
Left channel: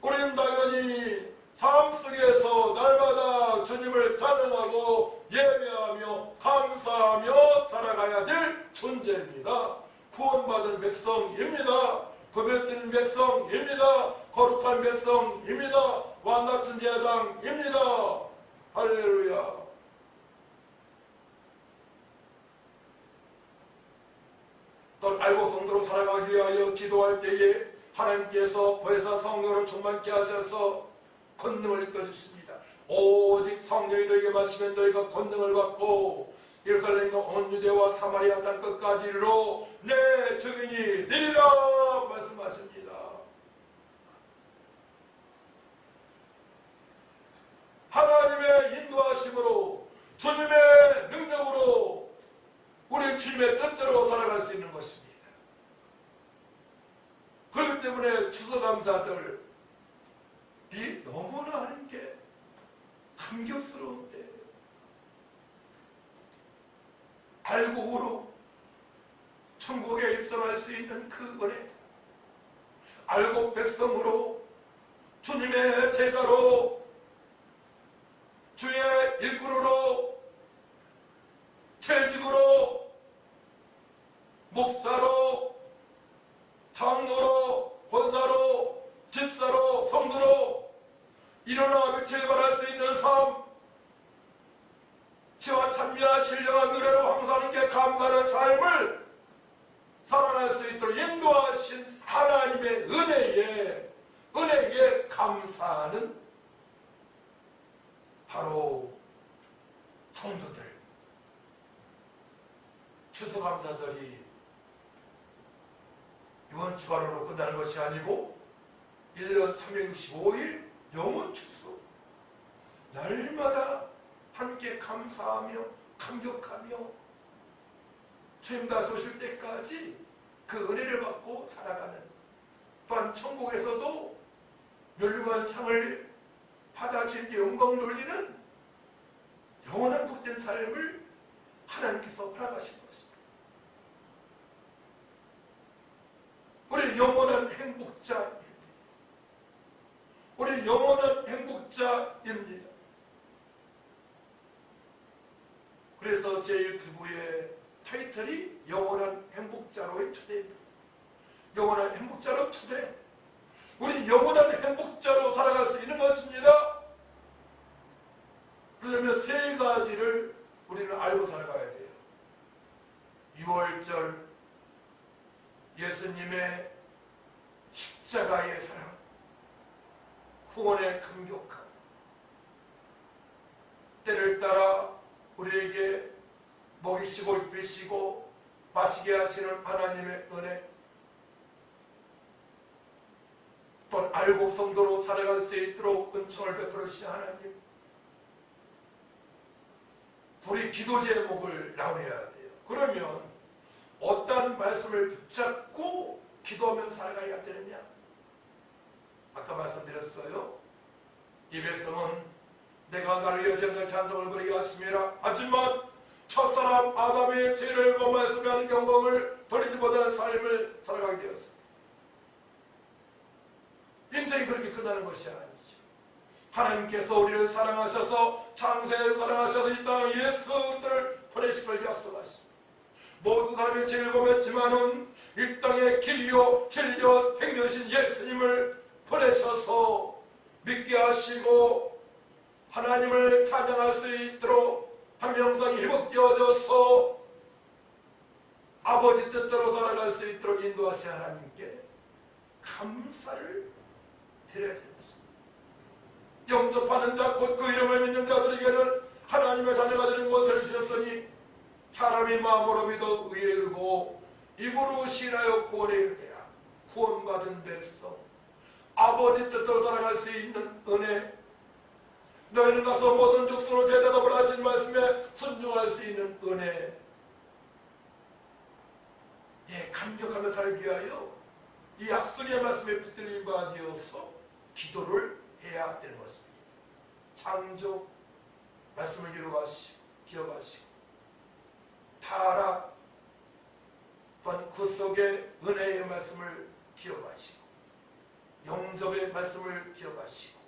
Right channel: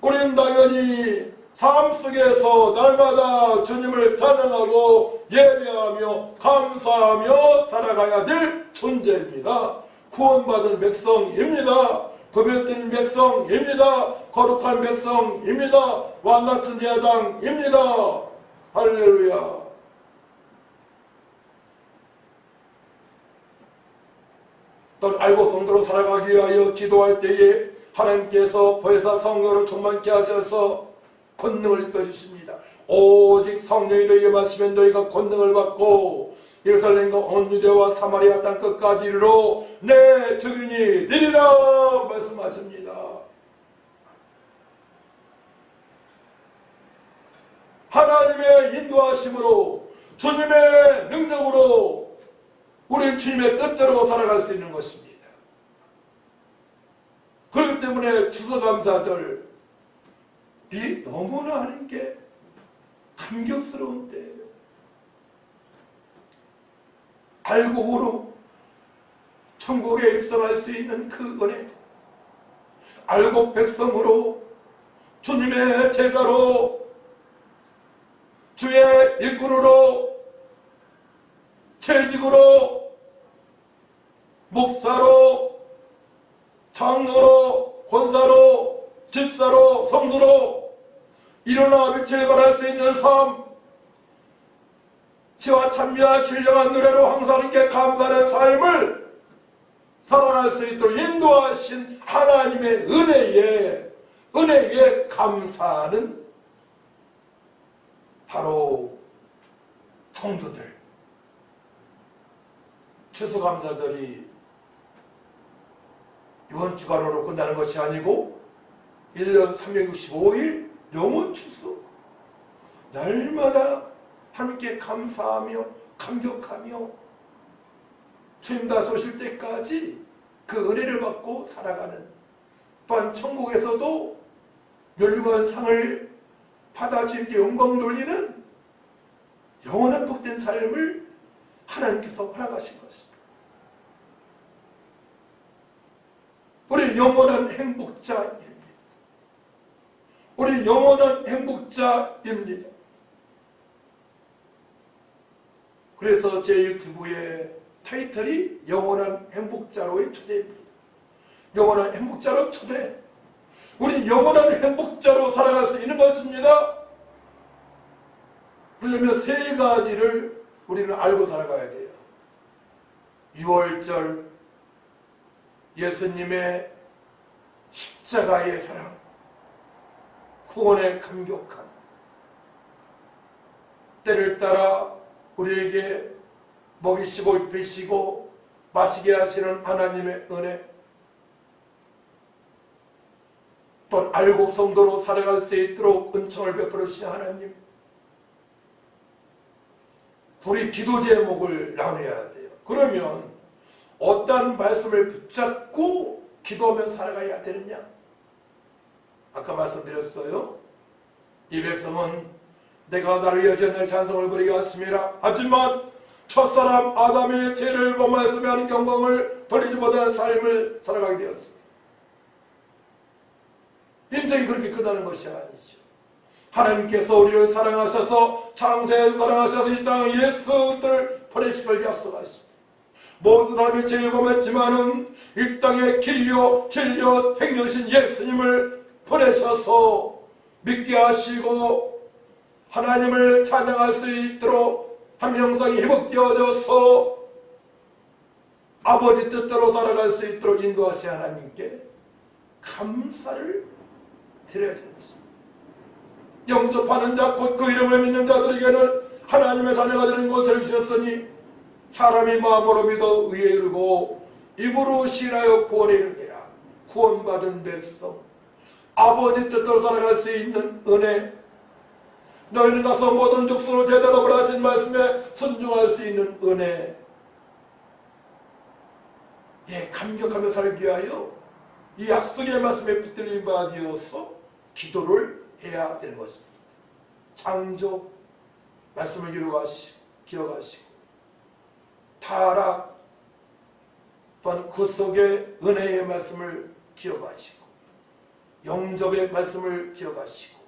우리는 당연히 삶 속에서 날마다 주님을 찬양하고 예배하며 감사하며 살아가야 될 존재입니다. 구원받은 백성입니다. 구별된 백성입니다. 거룩한 백성입니다. 왕같은 제사장입니다. 할렐루야. 또 알고 성도로 살아가기 위하여 기도할 때에 하나님께서 보혜사 성령으로 충만케 하셔서 권능을 입혀주십니다. 오직 성령이 너희에게 마시면 너희가 권능을 받고 예루살렘과 온 유대와 사마리아 땅 끝까지 이르러 내 증인이 되리라 말씀하십니다. 하나님의 인도하심으로 주님의 능력으로 우리 주님의 뜻대로 살아갈 수 있는 것입니다. 그렇기 때문에 추수감사절이 너무나 하나님께 감격스러운 때예요. 알고 후로 천국에 입성할 수 있는 그 은혜, 알고 백성으로 주님의 제자로 주의 일꾼으로 재직으로 목사로 장로로 권사로 집사로 성도로 일어나 빛을 발할 수 있는 삶, 지와 찬미와 신령한 노래로 항상 하나님께 감사하는 삶을 살아갈 수 있도록 인도하신 하나님의 은혜에 감사하는 바로 성도들. 추수감사절이 이번 주간으로 끝나는 것이 아니고 1년 365일 영원 추수 날마다 함께 감사하며 감격하며 주님 다시 오실 때까지 그 은혜를 받고 살아가는, 또한 천국에서도 멸류관 상을 받아 주님께 영광 돌리는 영원한 복된 삶을 하나님께서 허락하신 것입니다. 우리 영원한 행복자입니다. 우리 영원한 행복자입니다. 그래서 제 유튜브의 타이틀이 영원한 행복자로의 초대입니다. 영원한 행복자로 초대. 우리 영원한 행복자로 살아갈 수 있는 것입니다. 그러려면 세 가지를 우리는 알고 살아가야 돼요. 유월절 예수님의 십자가의 사랑, 구원의 감격함, 때를 따라 우리에게 먹이시고 입히시고 마시게 하시는 하나님의 은혜, 또 알곡 성도로 살아갈 수 있도록 은총을 베풀어 주신 하나님, 우리 기도 제목을 나눠야 돼요. 그러면 어떤 말씀을 붙잡고 기도하며 살아가야 되느냐? 아까 말씀드렸어요. 이 백성은 내가 나를 위하여 날 찬송을 부리게 하심이라. 하지만 첫사람 아담의 죄를 범하였으며 하는 영광을 돌리지 못하는 삶을 살아가게 되었습니다. 인생이 그렇게 끝나는 것이 아니죠. 하나님께서 우리를 사랑하셔서 창세에 사랑하셔서 이 땅에 예수 그리스도를 보내실 걸 약속하십니다. 모든 사람의 죄를 범했지만은 이 땅에 길이요 진리요 생명이신 예수님을 보내셔서 믿게 하시고 하나님을 찬양할 수 있도록 한 명상이 회복되어져서 아버지 뜻대로 살아갈 수 있도록 인도하신 하나님께 감사를 드려야 되는 것입니다. 영접하는 자 곧 그 이름을 믿는 자들에게는 하나님의 자녀가 되는 것을 주셨으니 사람이 마음으로 믿어 의에 이르고 입으로 신하여 구원에 이르리라. 구원받은 백성, 아버지 뜻대로 살아갈 수 있는 은혜, 너희는 가서 모든 족속으로 제자답을 하신 말씀에 순종할 수 있는 은혜, 감격하며 살기 위하여 이 약속의 말씀에 붙들린 바 되어서 기도를 해야 되는 것입니다. 창조 말씀을 기억하시고 타락 또한 그 속에 은혜의 말씀을 기억하시고 영접의 말씀을 기억하시고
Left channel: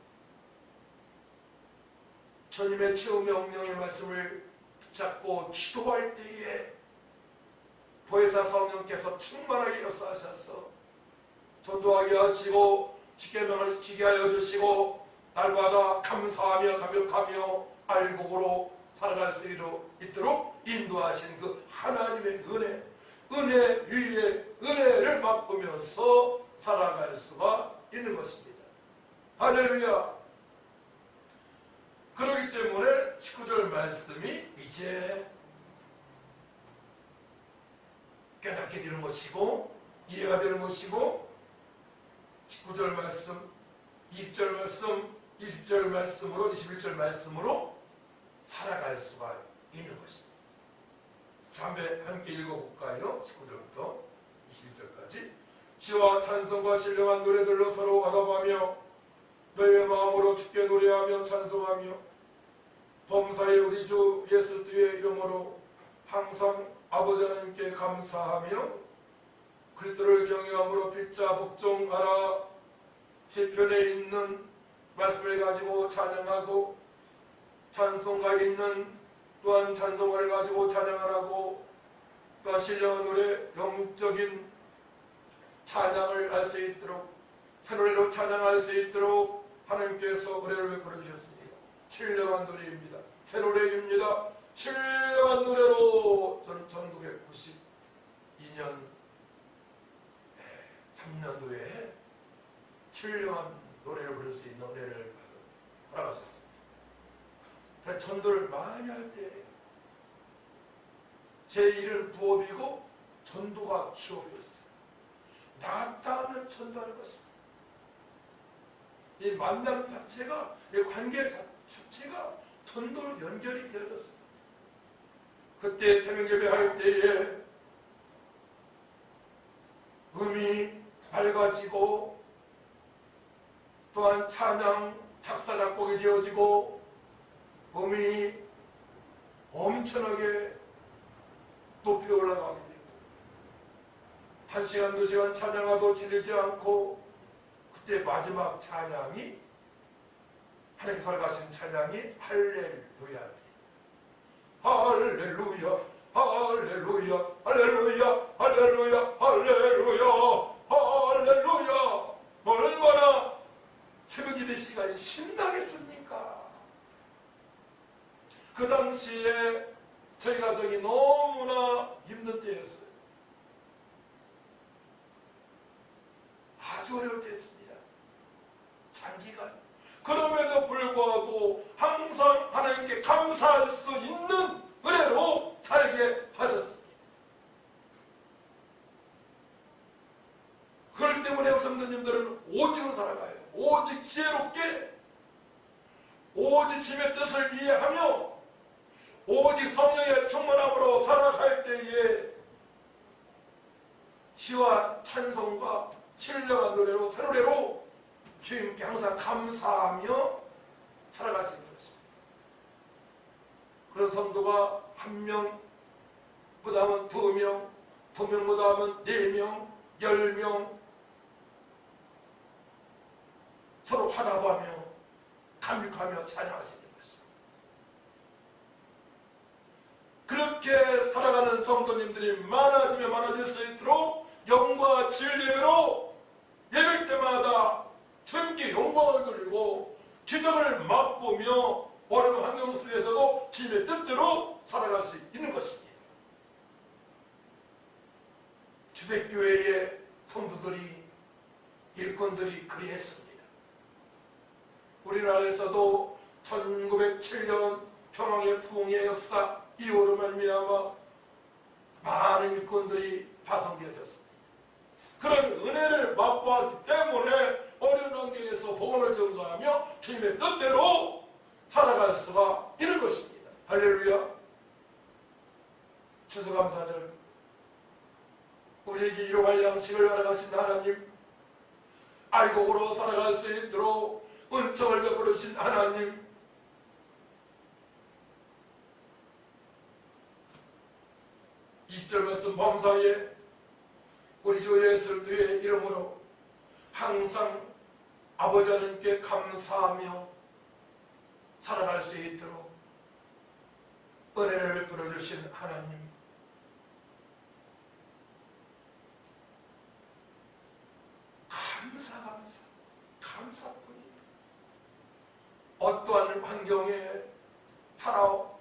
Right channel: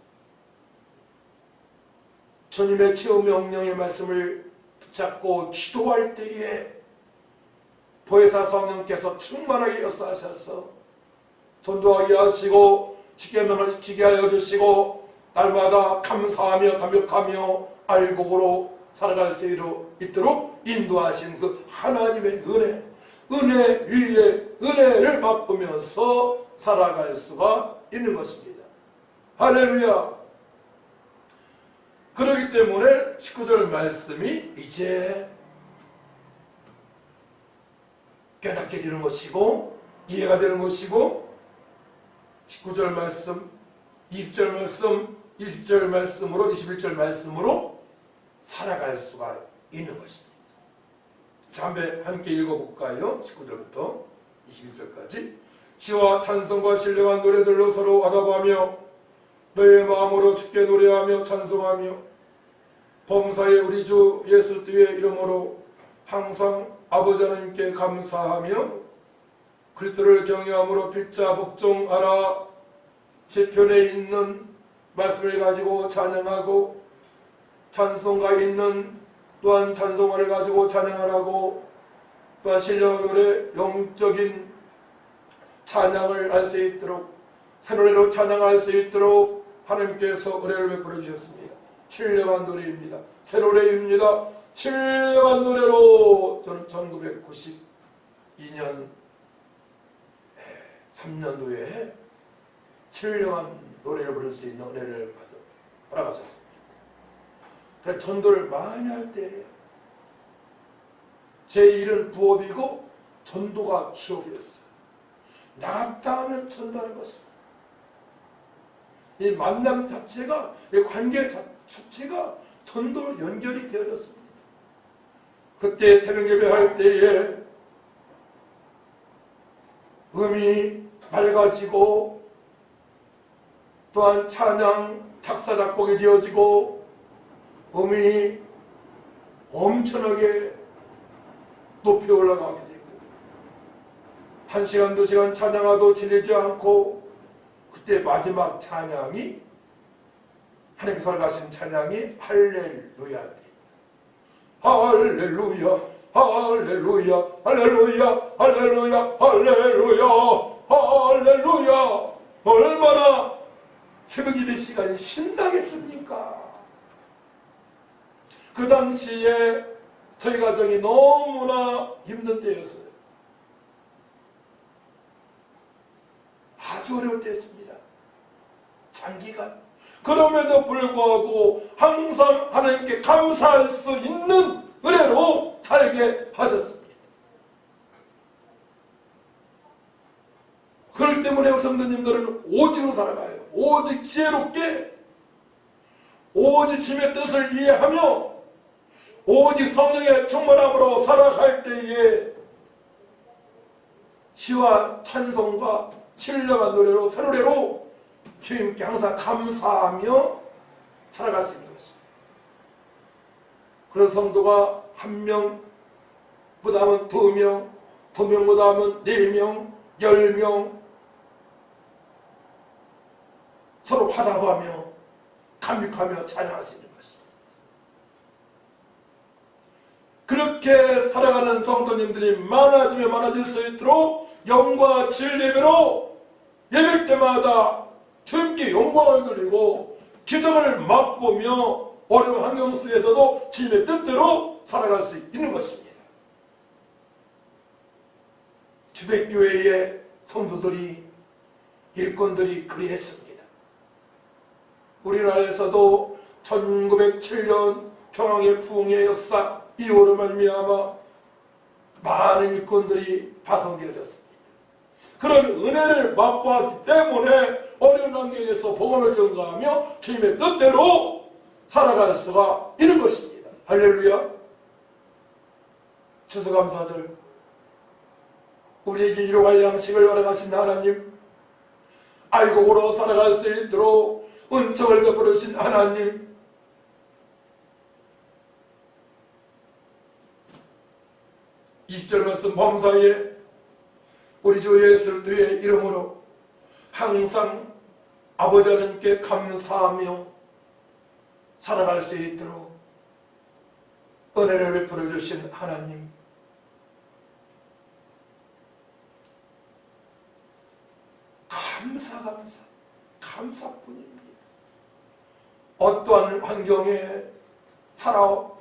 주님의 체험 명령의 말씀을 붙잡고 기도할 때에 보혜사 성령께서 충만하게 역사하셔서 전도하게 하시고 십계명을 지키게 하여 주시고 날마다 감사하며 감격하며 알곡으로 살아갈 수 있도록 인도하신 그 하나님의 은혜 위에 은혜를 맛보면서 살아갈 수가 있는 것입니다. 할렐루야. 그렇기 때문에 19절 말씀이 이제 깨닫게 되는 것이고 이해가 되는 것이고 19절 말씀, 20절 말씀, 20절 말씀으로 21절 말씀으로 살아갈 수가 있는 것입니다. 자, 함께 읽어볼까요? 19절부터 21절까지. 시와 찬송과 신령한 노래들로 서로 화답하며 너의 마음으로 주께 노래하며 찬송하며 범사의 우리 주 예수 그리스도의 이름으로 항상 아버지 하나님께 감사하며 그리스도를 경외함으로 필자 복종하라. 시편에 있는 말씀을 가지고 찬양하고 찬송가 있는 또한 찬송가를 가지고 찬양하라고 또한 신령한 노래 영적인 찬양을 할 수 있도록 새 노래로 찬양할 수 있도록 하나님께서 은혜를 베풀어 주셨습니다. 신령한 노래입니다. 새 노래입니다. 신령한 노래로 저는 1992년 3년도에 신령한 노래를 부를 수 있는 은혜를 받아가셨습니다. 전도를 많이 할 때 제 일은 부업이고 전도가 취업이었어요. 나갔다 하면 전도하는 것입니다. 이 만남 자체가, 이 관계 자체가 전도로 연결이 되어졌습니다. 그때 새벽 예배할 때에 음이 맑아지고 또한 찬양 작사 작곡이 되어지고 음이 엄청나게 높이 올라가게 되고 1시간 2시간 찬양하도 지내지 않고 그때 마지막 찬양이 하나님께서 가신 찬양이 할렐루야입니다. 할렐루야 할렐루야 할렐루야 할렐루야 할렐루야 할렐루야. 얼마나 새벽 예배 시간이 신나겠습니까? 그 당시에 저희 가정이 너무나 힘든 때였어요. 아주 어려울 때였습니다. 장기간. 그럼에도 불구하고 항상 하나님께 감사할 수 있는 은혜로 살게 하셨습니다. 그렇기 때문에 성도님들은 오직으로 살아가요. 오직 지혜롭게, 오직 주님의 뜻을 이해하며 오직 성령의 충만함으로 살아갈 때에 시와 찬송과 신령한 노래로 새 노래로 주님께 항상 감사하며 살아갈 수 있는 것입니다. 그런 성도가 한 명보다는 두 명, 두 명보다는 네 명, 10명 서로 화답하며 감격하며 찬양할 수 있는 것입니다. 그렇게 살아가는 성도님들이 많아지면 많아질 수 있도록 영과 진리로 예배 때마다 주님께 영광을 드리고 기적을 맛보며 어려운 환경 속에서도 주님의 뜻대로 살아갈 수 있는 것입니다. 주택교회의 성도들이 일꾼들이 그리했습니다. 우리나라에서도 1907년 평화의 부흥의 역사 이후로 말미암아 많은 일꾼들이 파송되어졌습니다. 그런 은혜를 맛보았기 때문에 어려운 환경에서 복음을 전가하며 주님의 뜻대로 살아갈 수가 있는 것입니다. 할렐루야. 추수감사절 우리에게 일용할 양식을 허락하신 하나님, 알곡으로 살아갈 수 있도록 은총을 베풀어 주신 하나님, 20절 말씀 범사에 우리 주 예수 그리스도의 이름으로 항상 아버지 하나님께 감사하며 살아갈 수 있도록 은혜를 베풀어 주신 하나님, 감사뿐입니다. 어떠한 환경에 살아왔더라도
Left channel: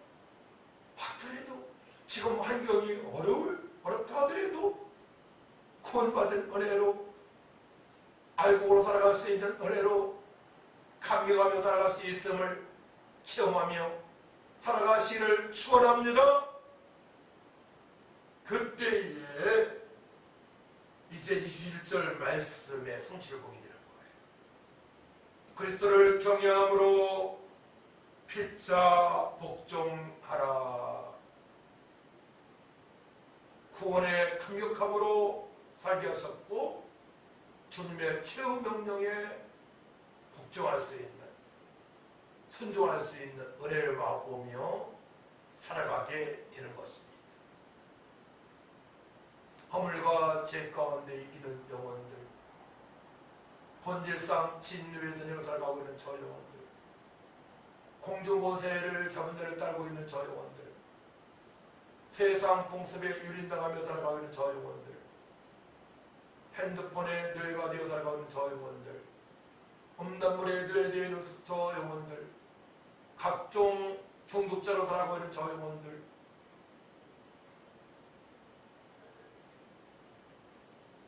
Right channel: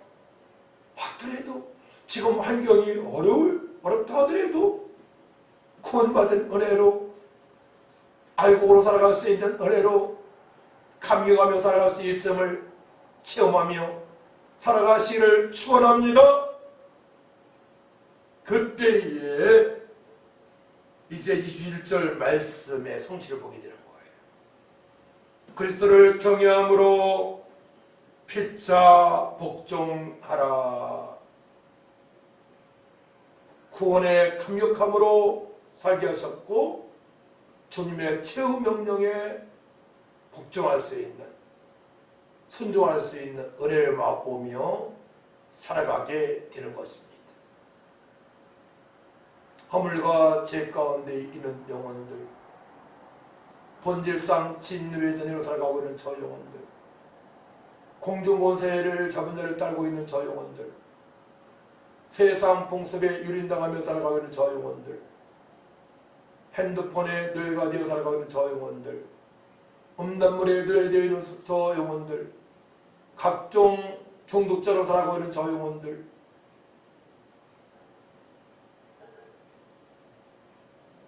지금 환경이 어렵다 하더라도 구원받은 은혜로 알곡으로 살아갈 수 있는 은혜로 감격하며 살아갈 수 있음을 체험하며 살아가시기를 축원합니다. 그때에 이제 21절 말씀의 성취를 보게 되는 거예요. 그리스도를 경외함으로 피차 복종하라. 구원의 감격함으로 살게 하셨고 주님의 최후 명령에 복종할 수 있는, 순종할 수 있는 은혜를 맛보며 살아가게 되는 것입니다. 허물과 죄 가운데 있는 영혼들, 본질상 진외전으로 살아가고 있는 저 영혼들, 공중권세를 잡은 자를 따르고 있는 저 영혼들, 세상 풍습에 유린당하며 살아가고 있는 저 영혼들, 핸드폰에 뇌가 되어 살아가고 있는 저 영혼들, 음란물에 뇌되어 있는 저 영혼들, 각종 중독자로 살아가고 있는 저 영혼들,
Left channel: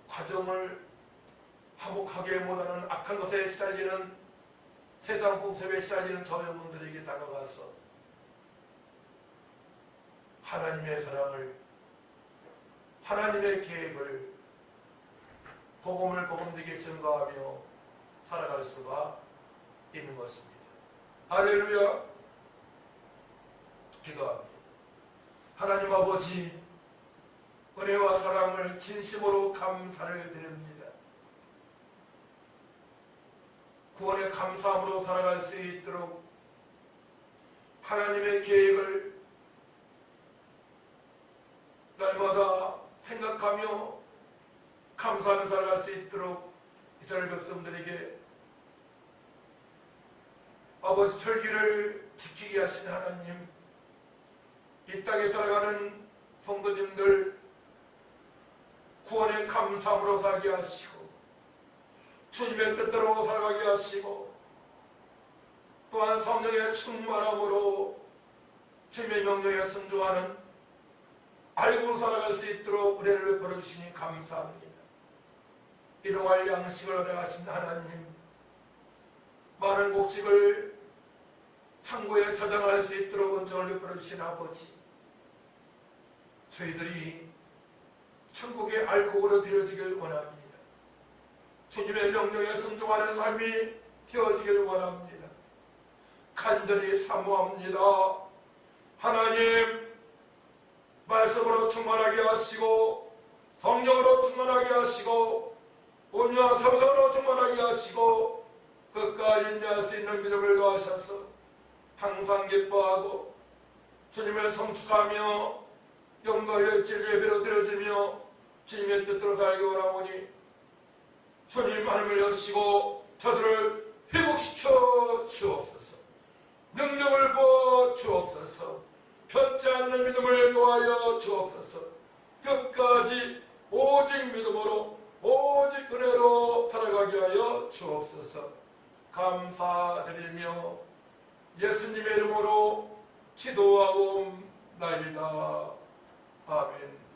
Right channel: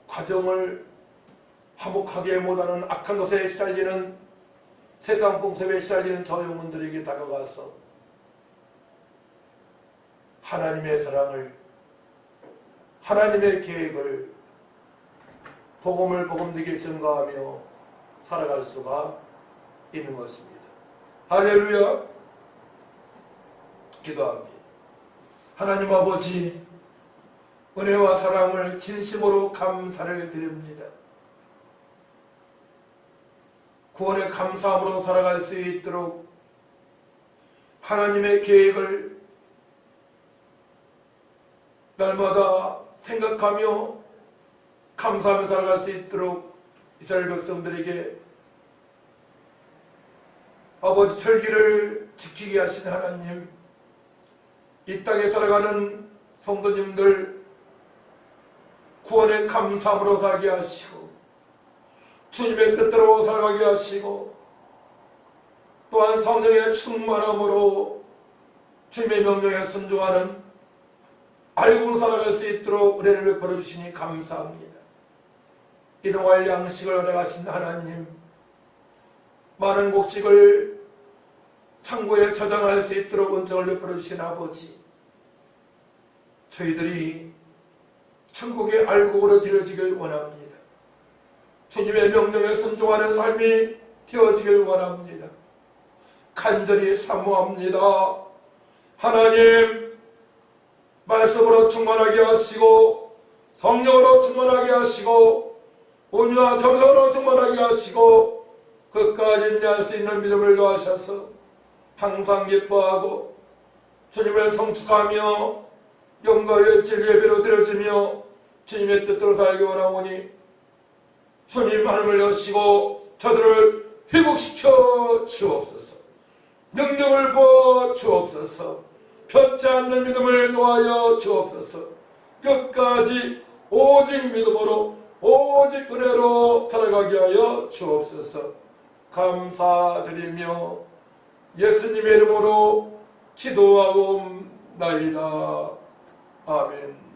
과정을 화목하게 못하는 악한 것에 시달리는, 세상 풍습에 시달리는 저 영혼들에게 다가가서 하나님의 사랑을, 하나님의 계획을 복음을 복음되게 증거하며 살아갈 수가 있는 것입니다. 할렐루야. 기도합니다. 하나님 아버지, 은혜와 사랑을 진심으로 감사를 드립니다. 구원의 감사함으로 살아갈 수 있도록 하나님의 계획을 날마다 생각하며 감사하며 살아갈 수 있도록 이스라엘 백성들에게 아버지 철기를 지키게 하신 하나님, 이 땅에 살아가는 성도님들 구원의 감사함으로 살게 하시고 주님의 뜻대로 살아가게 하시고 또한 성령의 충만함으로 주님의 명령에 순종하는 알고 살아갈 수 있도록 은혜를 베풀어 주시니 감사합니다. 일용할 양식을 허락하신 하나님, 많은 곡식을 창고에 저장할 수 있도록 은총을 베풀어 주신 아버지, 저희들이 천국의 알곡으로 드려지길 원합니다. 주님의 명령에 순종하는 삶이 되어지길 원합니다. 간절히 사모합니다. 하나님, 말씀으로 충만하게 하시고 성령으로 충만하게 하시고 온유와 겸손으로 충만하게 하시고 끝까지 인내할 수 있는 믿음을 더하셔서 항상 기뻐하고 주님을 성축하며 영광의 진리 예배로 드려지며 주님의 뜻대로 살기 원하오니 주님 하늘을 여시고 저들을 회복시켜 주옵소서. 능력을 부어 주옵소서. 펴지 않는 믿음을 도하여 주옵소서. 끝까지 오직 믿음으로 오직 은혜로 살아가게 하여 주옵소서. 감사드리며 예수님의 이름으로 기도하옵나이다. 아멘.